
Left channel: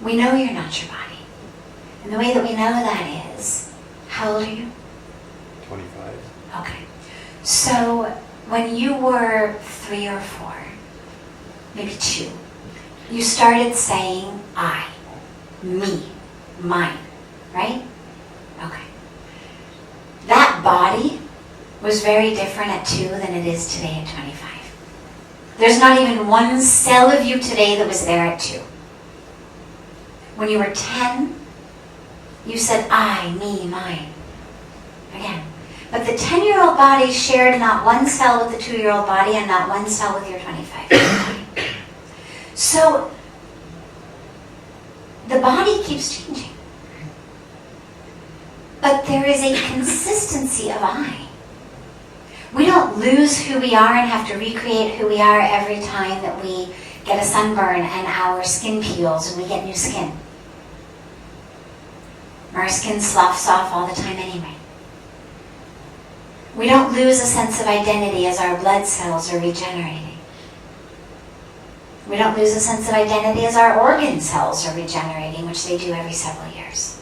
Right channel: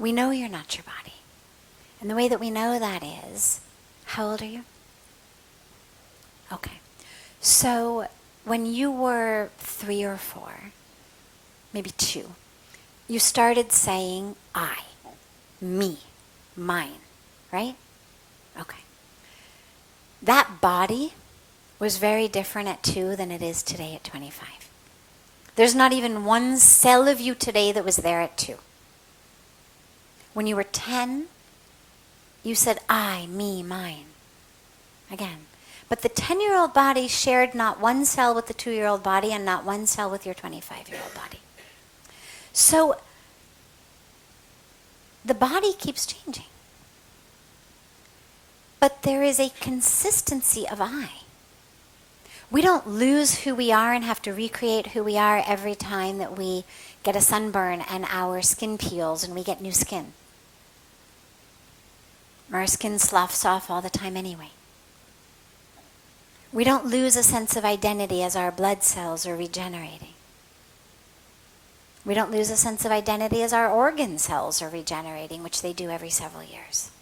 We know you're not your body. And the way that we know that is, how old are you? 25. Okay. So when you were 3 or 4, maybe 2, you started saying I, me, mine, right? Okay. That body was very different at 2 than it is today at 25. There's not even one cell of you today that was there at 2. When you were 10, You said I, me, mine. Again. But the 10-year-old body shared not one cell with the 2-year-old body and not one cell with your 25-year-old body. So the body keeps changing. But there is a consistency of I. We don't lose who we are and have to recreate who we are every time that we get a sunburn and our skin peels and we get new skin. Our skin sloughs off all the time anyway. We don't lose a sense of identity as our blood cells are regenerating. We don't lose a sense of identity as our organ cells are regenerating, which they do every several years.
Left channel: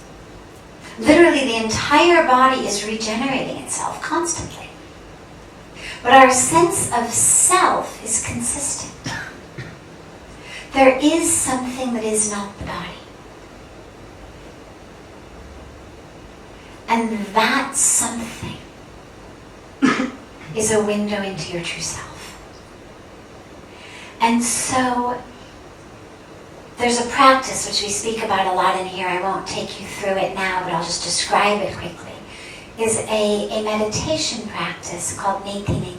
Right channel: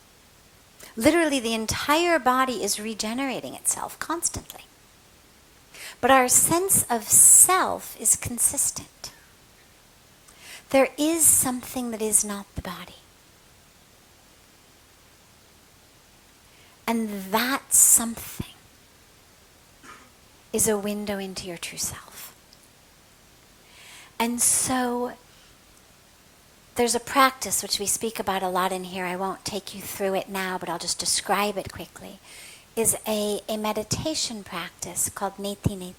Literally, the entire body is regenerating itself constantly. But our sense of self is consistent. There is something that is not the body. And that something is a window into your true self. And so there's a practice which we speak about a lot in here. I won't take you through it now, but I'll just describe it quickly. Is a meditation practice called Neti Neti.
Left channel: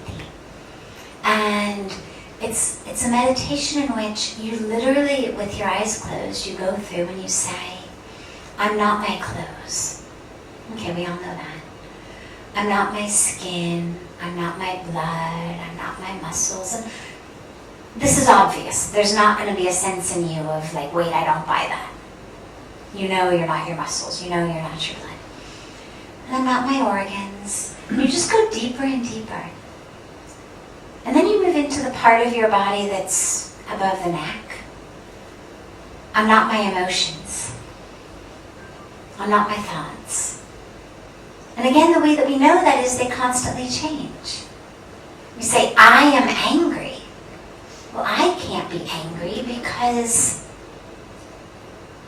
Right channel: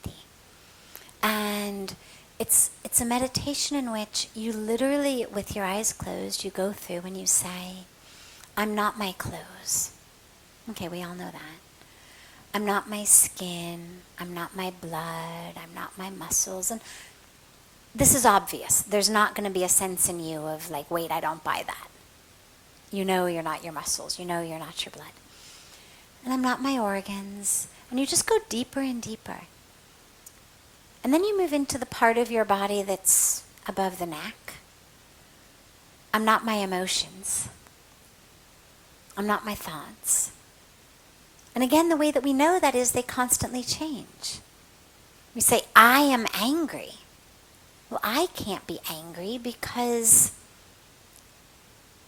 And it's a meditation in which you literally, with your eyes closed, you go through and you say, I'm not my clothes. Okay, we all know that. I'm not my skin. I'm not my blood. I'm not my muscles. And this is obvious. There's not going to be a sense in you of like, wait, I don't buy that. You know you're not your muscles. You know you're not your blood. And I'm not my organs. And you just go deeper and deeper. And then you move into the part of your body that's above the neck. I'm not my emotions. I'm not my thoughts. And again, the way that we know that is they constantly change. We say, I am angry. Well, I can't be angry because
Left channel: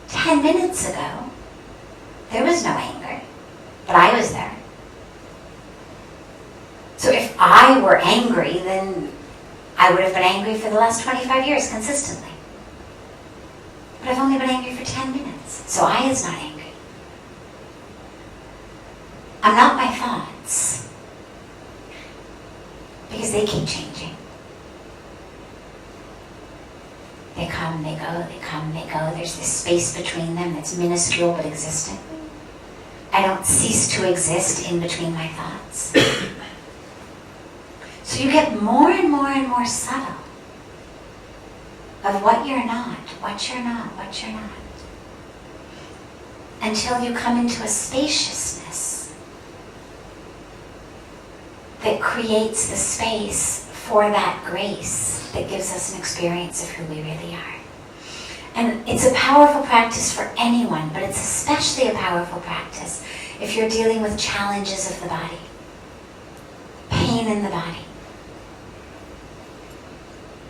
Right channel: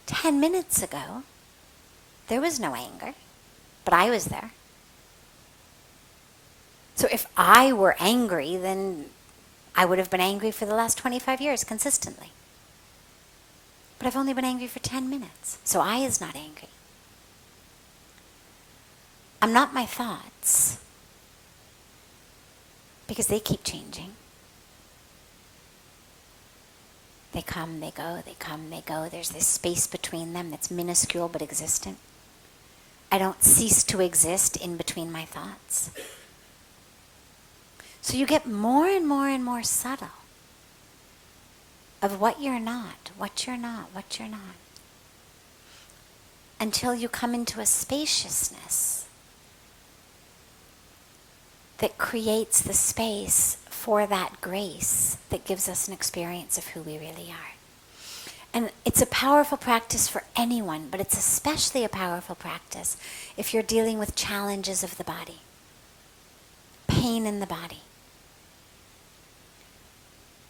10 minutes ago, there was no anger, but I was there. So if I were angry, then I would have been angry for the last 25 years consistently. But I've only been angry for 10 minutes, so I is not angry. I'm not my thoughts, because they keep changing. They come, they go, they come, they go. There's this space between them that's minuscule but existent. I don't cease to exist in between my thoughts. So you get more and more and more subtle of what you're not, what you're not, what you're not. Until you come into a spaciousness that creates the space for that grace that gives us an experience of who we really are. And it's a powerful practice for anyone, but it's especially a powerful practice if you're dealing with challenges of the body, pain in the body,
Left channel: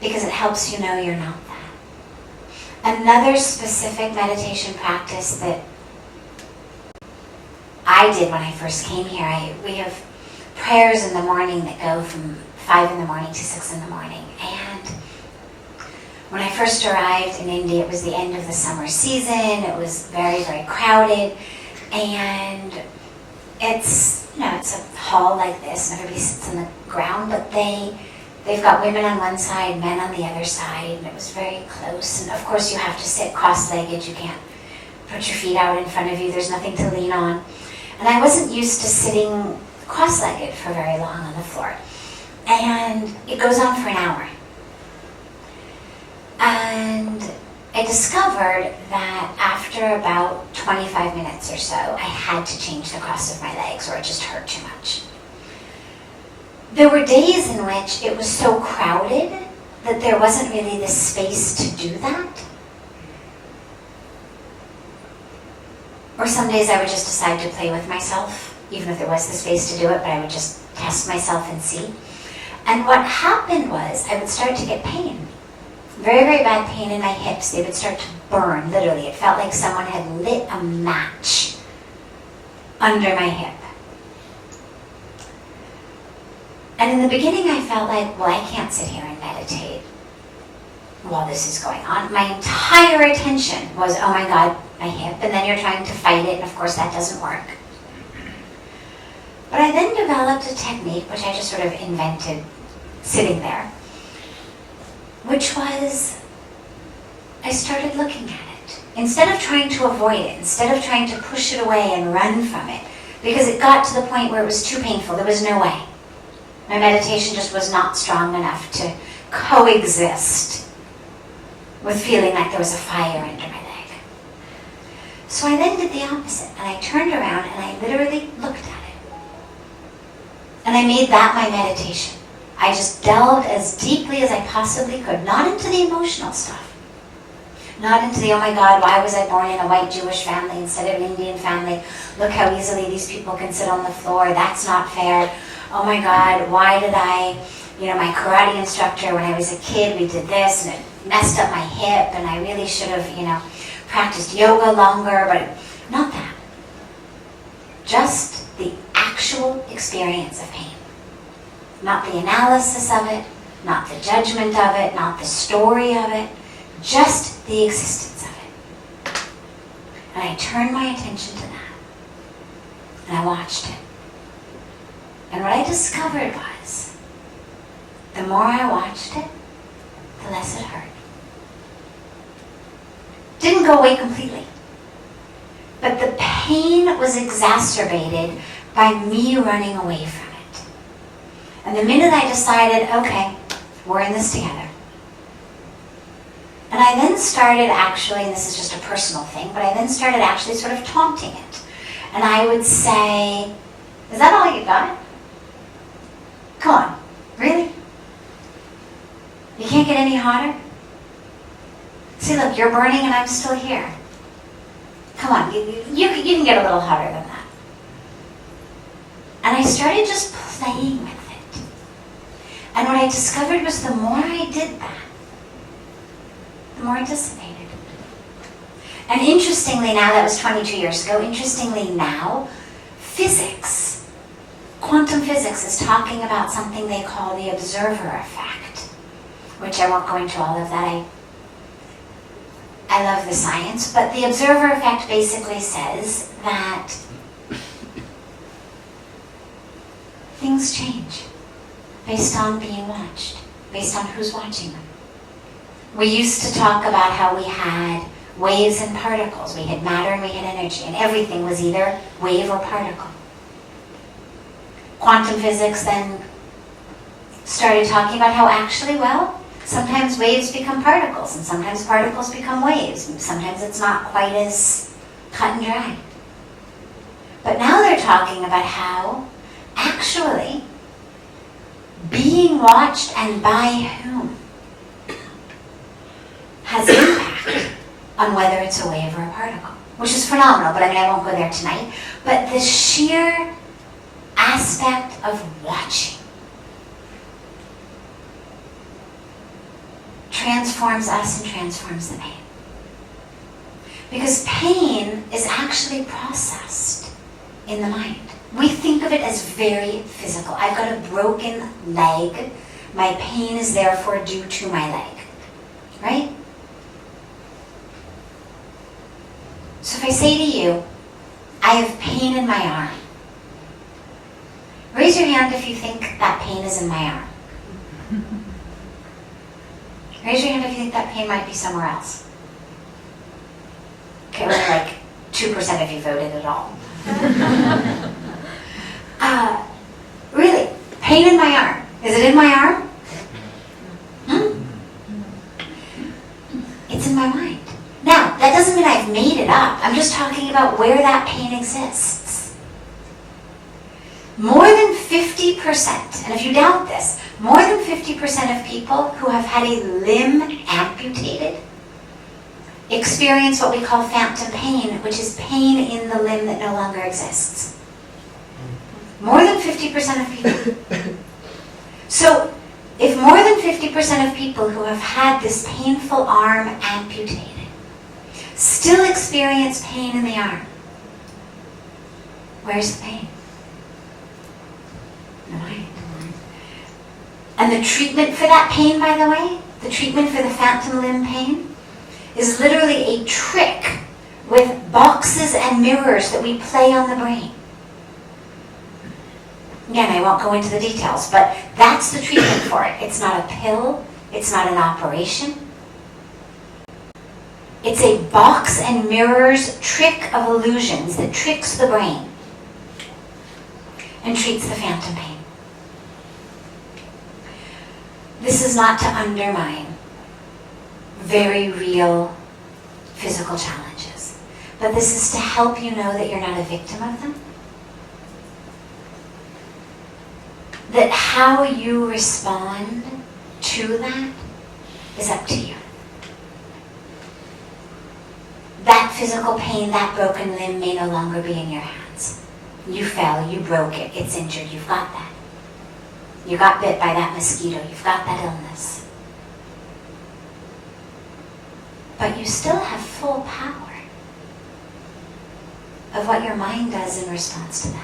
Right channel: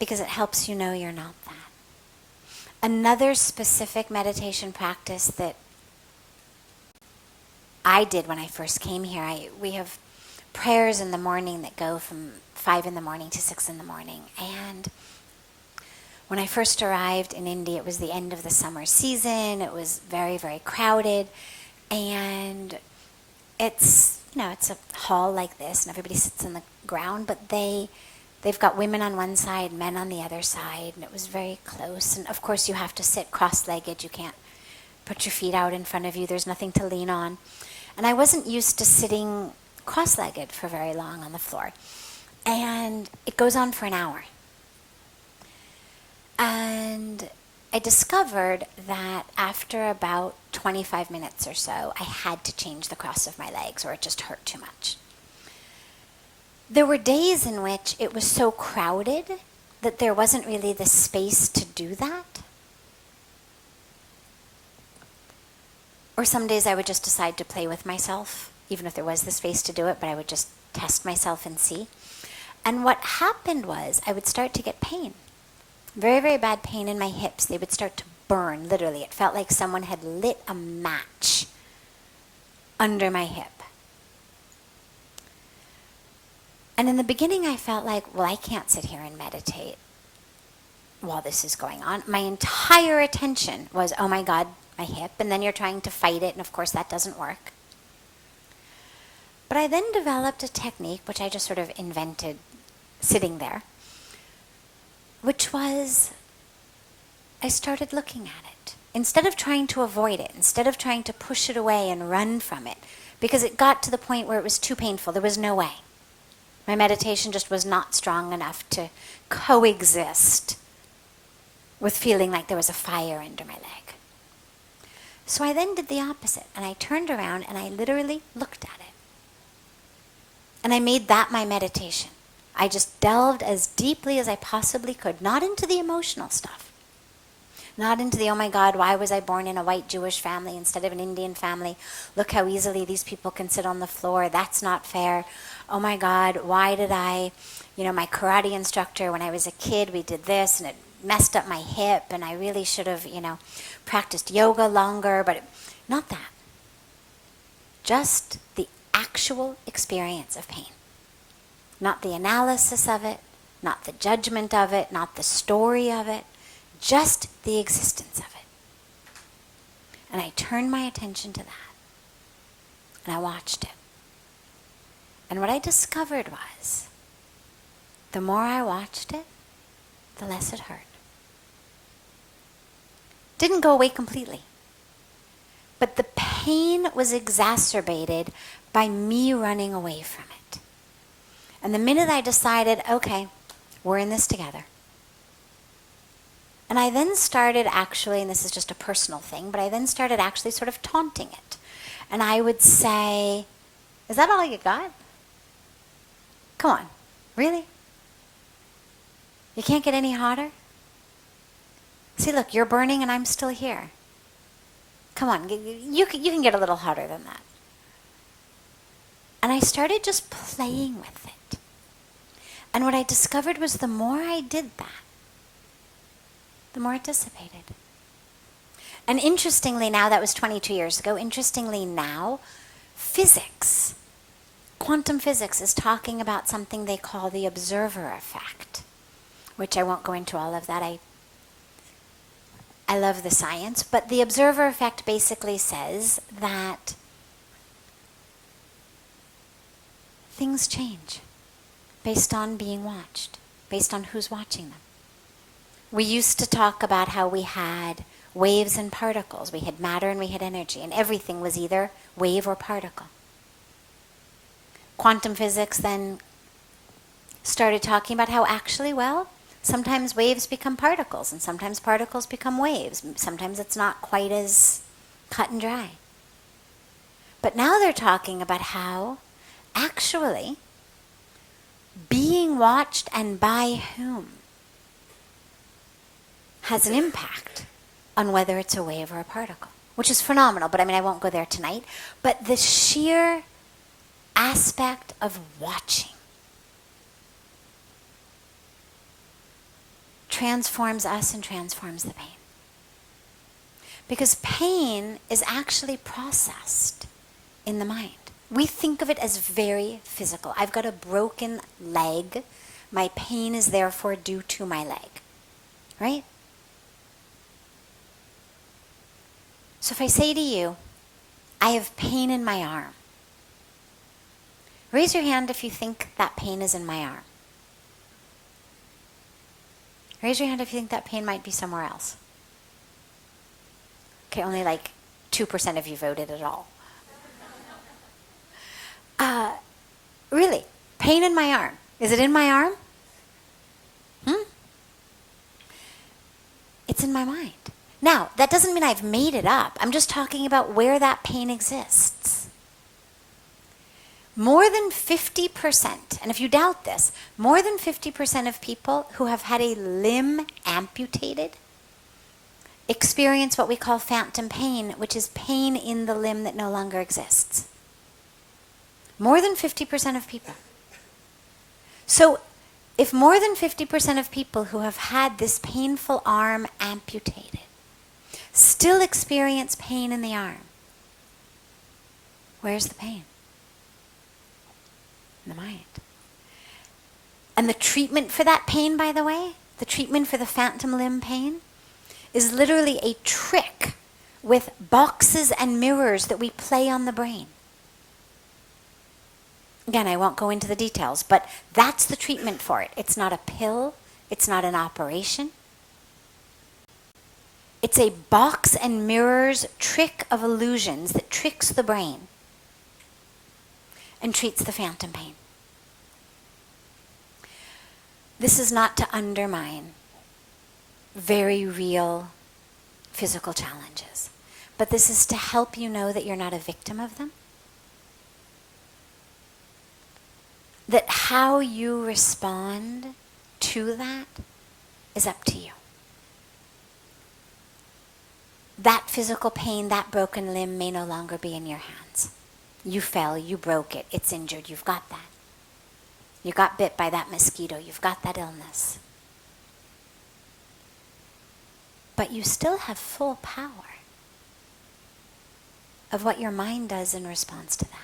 because it helps you know you're not that. Another specific meditation practice that I did when I first came here, we have prayers in the morning that go from 5 in the morning to 6 in the morning. And when I first arrived in India, it was the end of the summer season. It was very, very crowded. And it's a hall like this, and everybody sits on the ground, but they've got women on one side, men on the other side, and it was very close. And of course you have to sit cross-legged. You can't put your feet out in front of you. There's nothing to lean on. And I wasn't used to sitting cross-legged for very long on the floor. And it goes on for an hour. And I discovered that after about 25 minutes or so, I had to change the cross of my legs or it just hurt too much. There were days in which it was so crowded that there wasn't really the space to do that. Or some days I would just decide to play with myself, even if there was the space to do it, but I would just test myself and see. And what happened was I would start to get pain. Very, very bad pain in my hips. They would start to burn, literally. It felt like someone had lit a match under my hip. And in the beginning I felt like, well, I can't sit here and meditate. while this is going on. My entire attention was, oh my God, my hip, and then you're trying to fight it, and of course that doesn't work. But I then developed a technique, which I just sort of invented sitting there, which was, I started looking at it. Instead of trying to avoid it, instead of trying to push it away and run from it, because it got to the point where it was too painful, there was no way. My meditation just was not strong enough to coexist with feeling like there was a fire under my leg. So I then did the opposite, and I turned around and I literally looked at it. And I made that my meditation. I just delved as deeply as I possibly could, not into the emotional stuff. Not into the, oh my God, why was I born in a white Jewish family instead of an Indian family? Look how easily these people can sit on the floor. That's not fair. Oh my God, why did I, my karate instructor, when I was a kid, we did this and it messed up my hip and I really should have, practiced yoga longer, but not that. Just the actual experience of pain. Not the analysis of it, not the judgment of it, not the story of it, just the existence of it. And I turned my attention to that. And I watched it. And what I discovered was, the more I watched it, the less it hurt. Didn't go away completely. But the pain was exacerbated by me running away from it. And the minute I decided, okay, we're in this together. And I then started actually, and this is just a personal thing, but I then started actually sort of taunting it. And I would say, is that all you got? Come on, really? You can't get any hotter? See, look, you're burning and I'm still here. Come on, you can get a little hotter than that. And I started just playing with it. And what I discovered was the more I did that, the more it dissipated. And interestingly now, that was 22 years ago, interestingly now, physics, quantum physics is talking about something they call the observer effect, which I won't go into all of that. I love the science, but the observer effect basically says that things change based on being watched, based on who's watching them. We used to talk about how we had waves and particles. We had matter and we had energy, and everything was either wave or particle. Quantum physics then started talking about how actually, sometimes waves become particles, and sometimes particles become waves. Sometimes it's not quite as cut and dry. But now they're talking about how actually being watched and by whom has impact on whether it's a wave or a particle, which is phenomenal, but I won't go there tonight. But the sheer aspect of watching transforms us and transforms the pain. Because pain is actually processed in the mind. We think of it as very physical. I've got a broken leg. My pain is therefore due to my leg. Right? So if I say to you, I have pain in my arm, raise your hand if you think that pain is in my arm. Raise your hand if you think that pain might be somewhere else. Okay, only like 2% of you voted at all. Really, pain in my arm. Is it in my arm? It's in my mind. Now, that doesn't mean I've made it up. I'm just talking about where that pain exists. More than 50%, and if you doubt this, more than 50% of people who have had a limb amputated experience what we call phantom pain, which is pain in the limb that no longer exists. More than 50% of people. So, if more than 50% of people who have had this painful arm amputated still experience pain in the arm, where's the pain? In the mind. And the treatment for that pain, by the way, the treatment for the phantom limb pain, is literally a trick with boxes and mirrors that we play on the brain. Again, I won't go into the details, but that's the treatment for it. It's not a pill, it's not an operation. It's a box and mirrors trick of illusions that tricks the brain and treats the phantom pain. This is not to undermine very real physical challenges, but this is to help you know that you're not a victim of them. That how you respond to that is up to you. That physical pain, that broken limb may no longer be in your hands. You fell, you broke it, it's injured, you've got that. You got bit by that mosquito, you've got that illness. But you still have full power of what your mind does in response to that.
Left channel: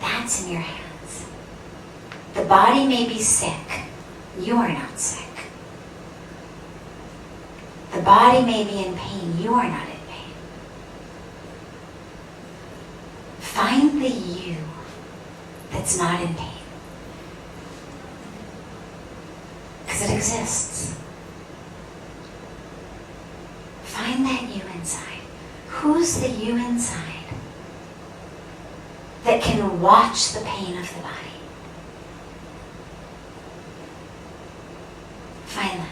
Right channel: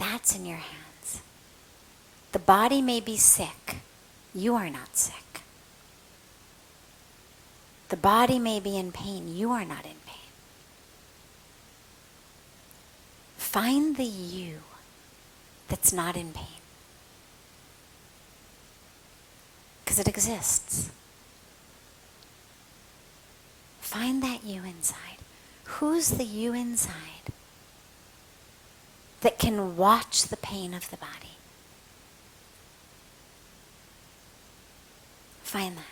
That's in your hands. The body may be sick, you are not sick. The body may be in pain, you are not in pain. Find the you that's not in pain. Because it exists. Find that you inside. Who's the you inside that can watch the pain of the body? Find that.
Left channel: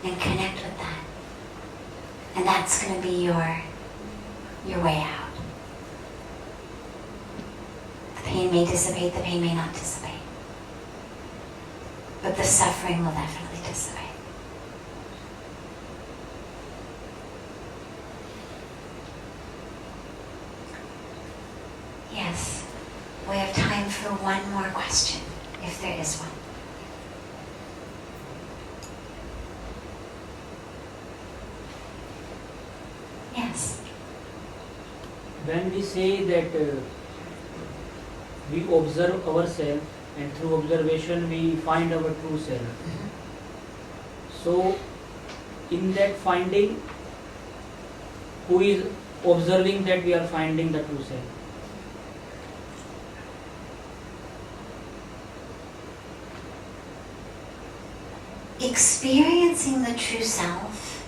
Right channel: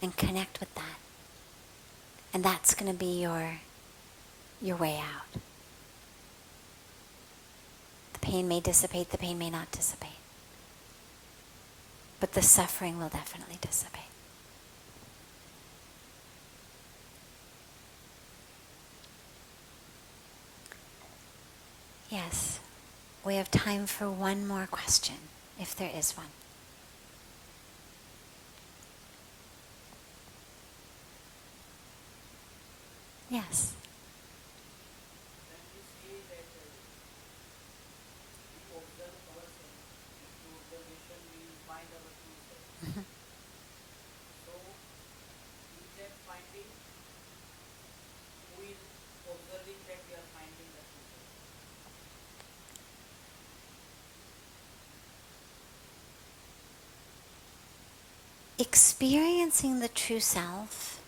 And connect with that. And that's going to be your way out. The pain may dissipate, the pain may not dissipate. But the suffering will definitely dissipate. Yes, we have time for one more question, if there is one. Yes. When we say that we observe ourselves and through observation we find our true self. So in that finding, who is observing that we are finding the true self? Experiencing the true self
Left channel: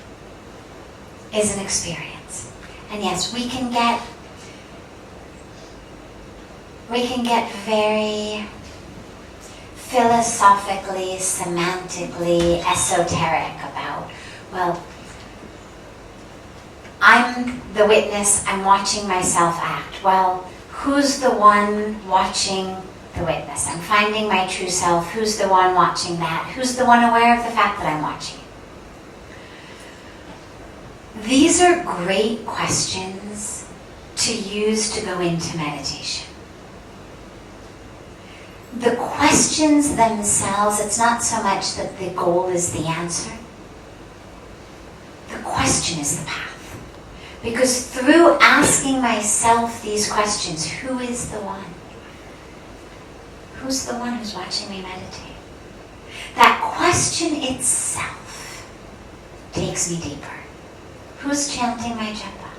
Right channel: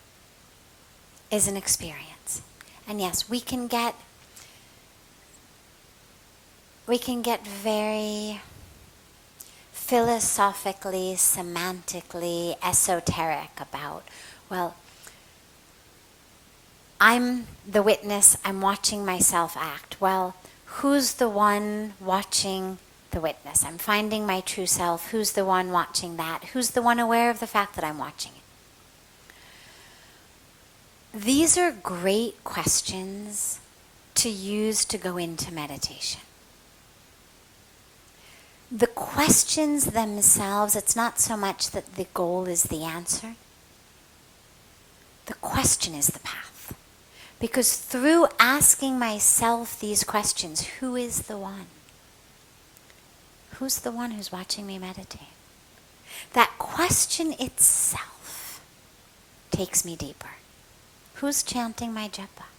is an experience. And yes, we can get very philosophically, semantically esoteric about, well, I'm the witness, I'm watching myself act. Well, who's the one watching the witness? I'm finding my true self. Who's the one watching that? Who's the one aware of the fact that I'm watching? These are great questions to use to go into meditation. The questions themselves, it's not so much that the goal is the answer. The question is the path. Because through asking myself these questions, who is the one? Who's the one who's watching me meditate? That question itself takes me deeper. Who's chanting my japa?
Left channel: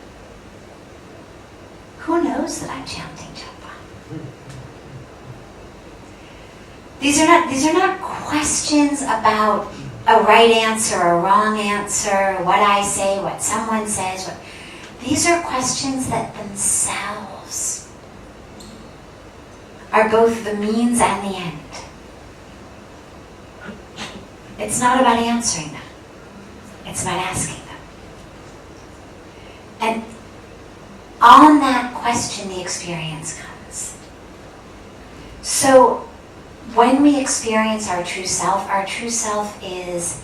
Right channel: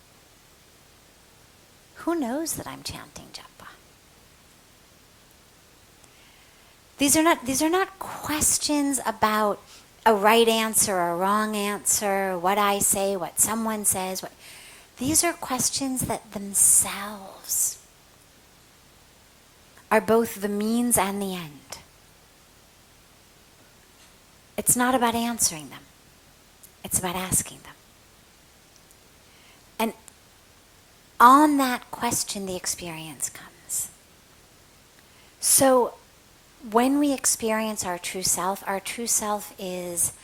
Who knows that I'm chanting japa? These are not questions about a right answer or a wrong answer, what I say, what someone says. These are questions that themselves are both the means and the end. It's not about answering them. It's about asking them. And on that question, the experience comes. So when we experience our true self is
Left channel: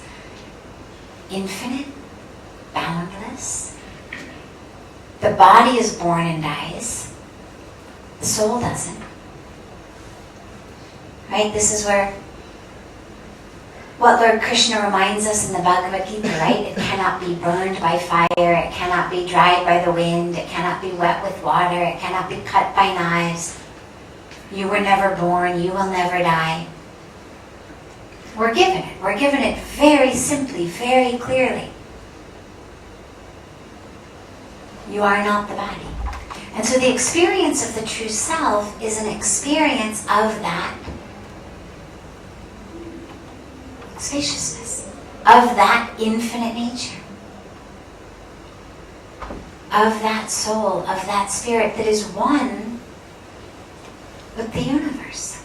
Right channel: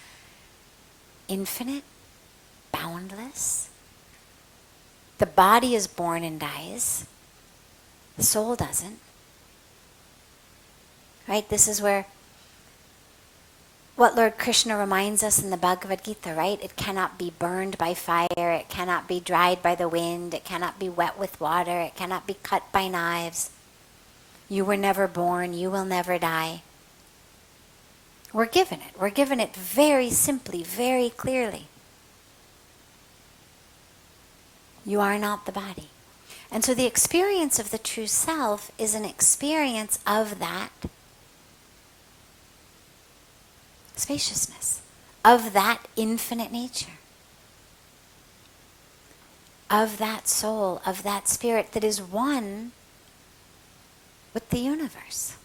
infinite, boundless. The body is born and dies. The soul doesn't. Right? This is where what Lord Krishna reminds us in the Bhagavad Gita, right? It cannot be burned by fire, it cannot be dried by the wind, it cannot be wet with water, it cannot be cut by knives. You were never born, you will never die. We're given it. We're given it very simply, very clearly. You are not the body. And so the experience of the true self is an experience of that spaciousness, of that infinite nature, of that soul, of that spirit that is one with the universe.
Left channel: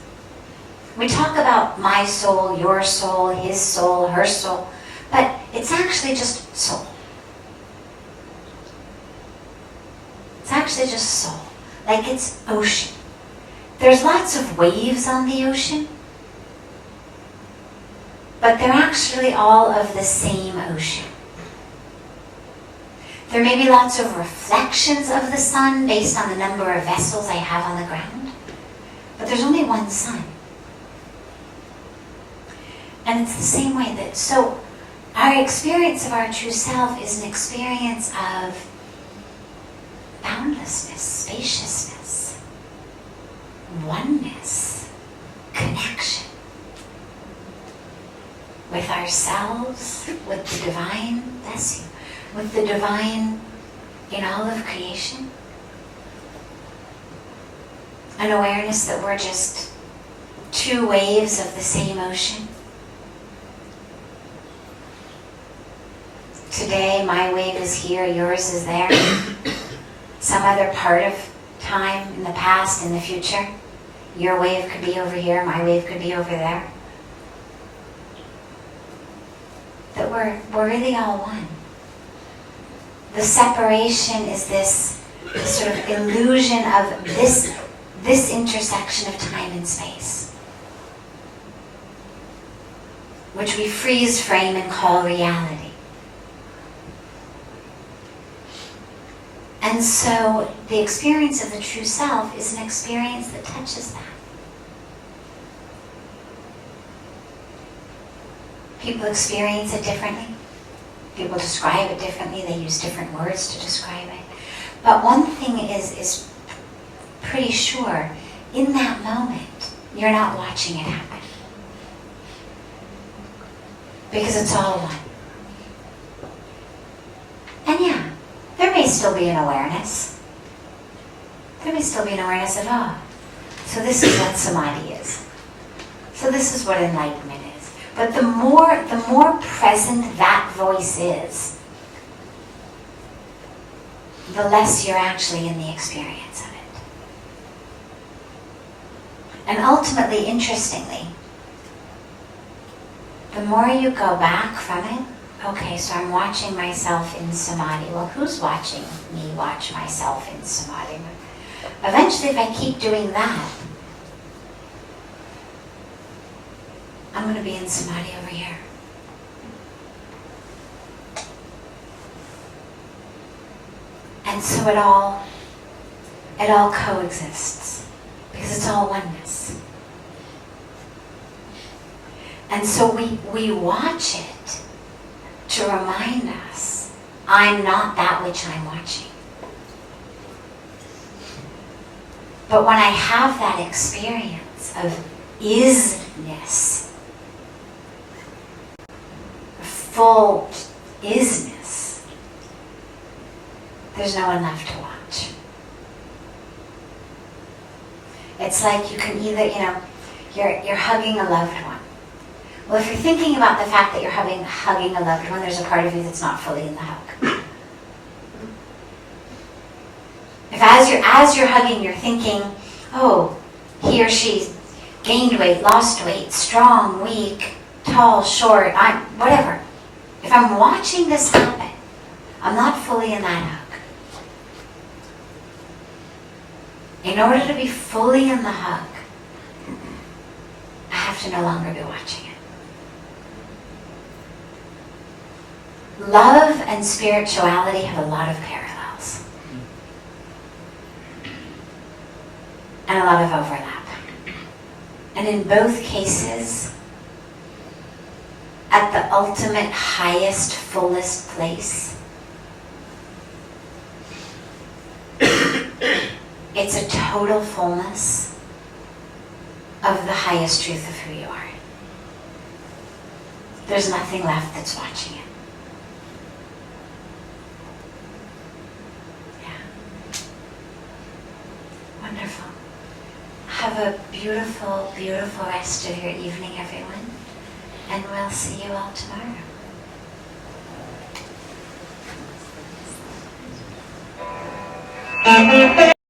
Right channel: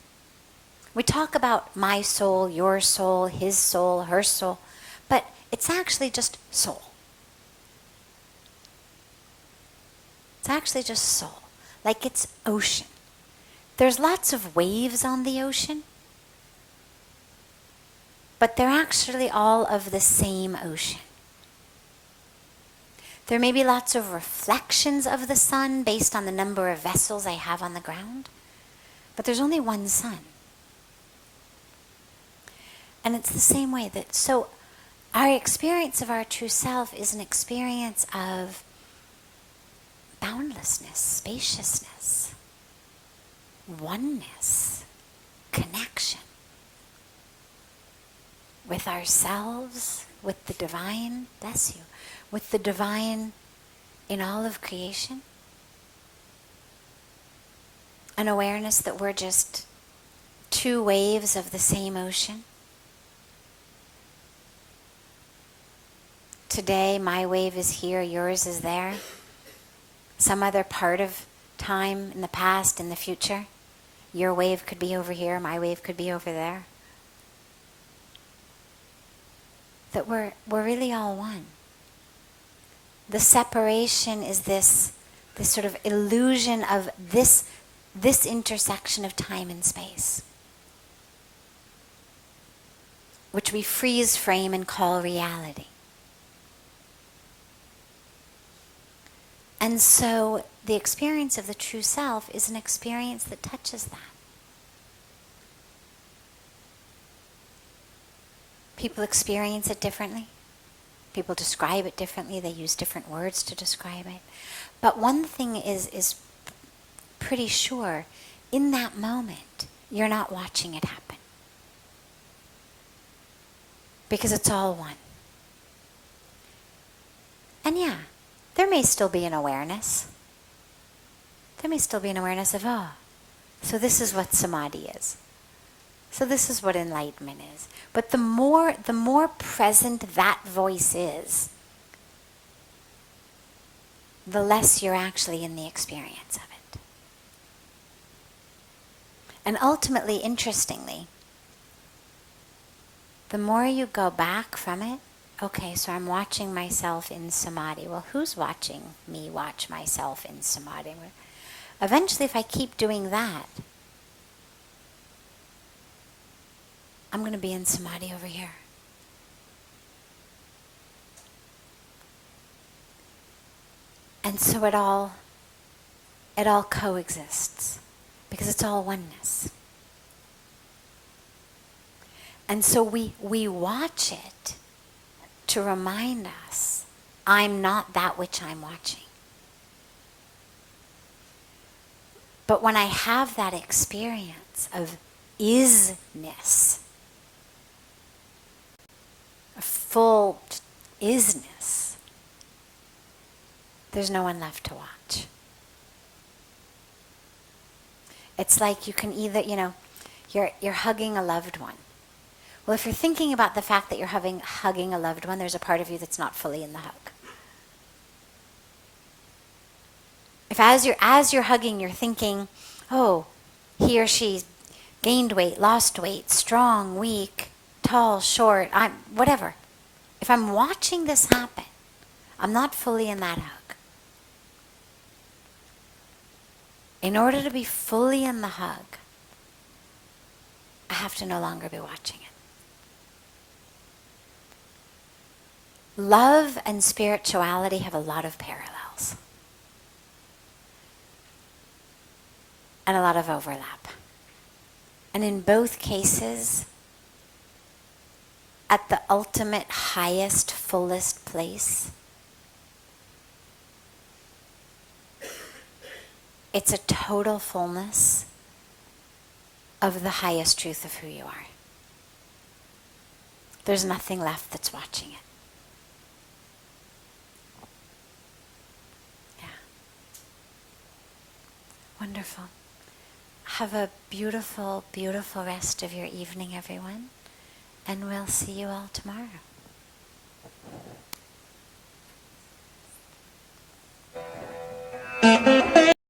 We talk about my soul, your soul, his soul, her soul, but it's actually just soul. It's actually just soul, like it's ocean. There's lots of waves on the ocean, but they're actually all of the same ocean. There may be lots of reflections of the sun based on the number of vessels I have on the ground, but there's only one sun. And it's the same way that, so our experience of our true self is an experience of boundlessness, spaciousness, oneness, connection with ourselves, with the divine, bless you, with the divine in all of creation. An awareness that we're just two waves of the same ocean. Today, my wave is here, yours is there. Some other part of time, in the past, in the future. Your wave could be over here, my wave could be over there. That we're really all one. The separation is this sort of illusion of this intersection of time and space, which we freeze frame and call reality. And so the experience of the true self is an experience that touches that. People experience it differently. People describe it differently. They use different words to describe it. But one thing is pretty sure. In that moment, you're not watching it happen. Because it's all one. And yeah, there may still be an awareness. There may still be an awareness of, oh, so this is what samadhi is. So this is what enlightenment is. But the more present that voice is, the less you're actually in the experience of it. And ultimately, interestingly, the more you go back from it, okay, so I'm watching myself in samadhi. Well, who's watching me watch myself in samadhi? Eventually, if I keep doing that, I'm going to be in samadhi over here. And so it all coexists because it's all oneness. And so we watch it to remind us, I'm not that which I'm watching. But when I have that experience of isness, full isness, there's no one left to watch. It's like you can either, you're hugging a loved one. Well, if you're thinking about the fact that you're hugging a loved one, there's a part of you that's not fully in the hug. If as you're hugging, you're thinking, oh, he or she gained weight, lost weight, strong, weak, tall, short, whatever. If I'm watching this happen, I'm not fully in that hug. In order to be fully in the hug, I have to no longer be watching it. Love and spirituality have a lot of parallels. And a lot of overlap. And in both cases, at the ultimate, highest, fullest place, it's a total fullness of the highest truth of who you are. There's nothing left that's watching it. Yeah. Wonderful. Have a beautiful, beautiful rest of your evening, everyone. And we'll see you all tomorrow. Thank you.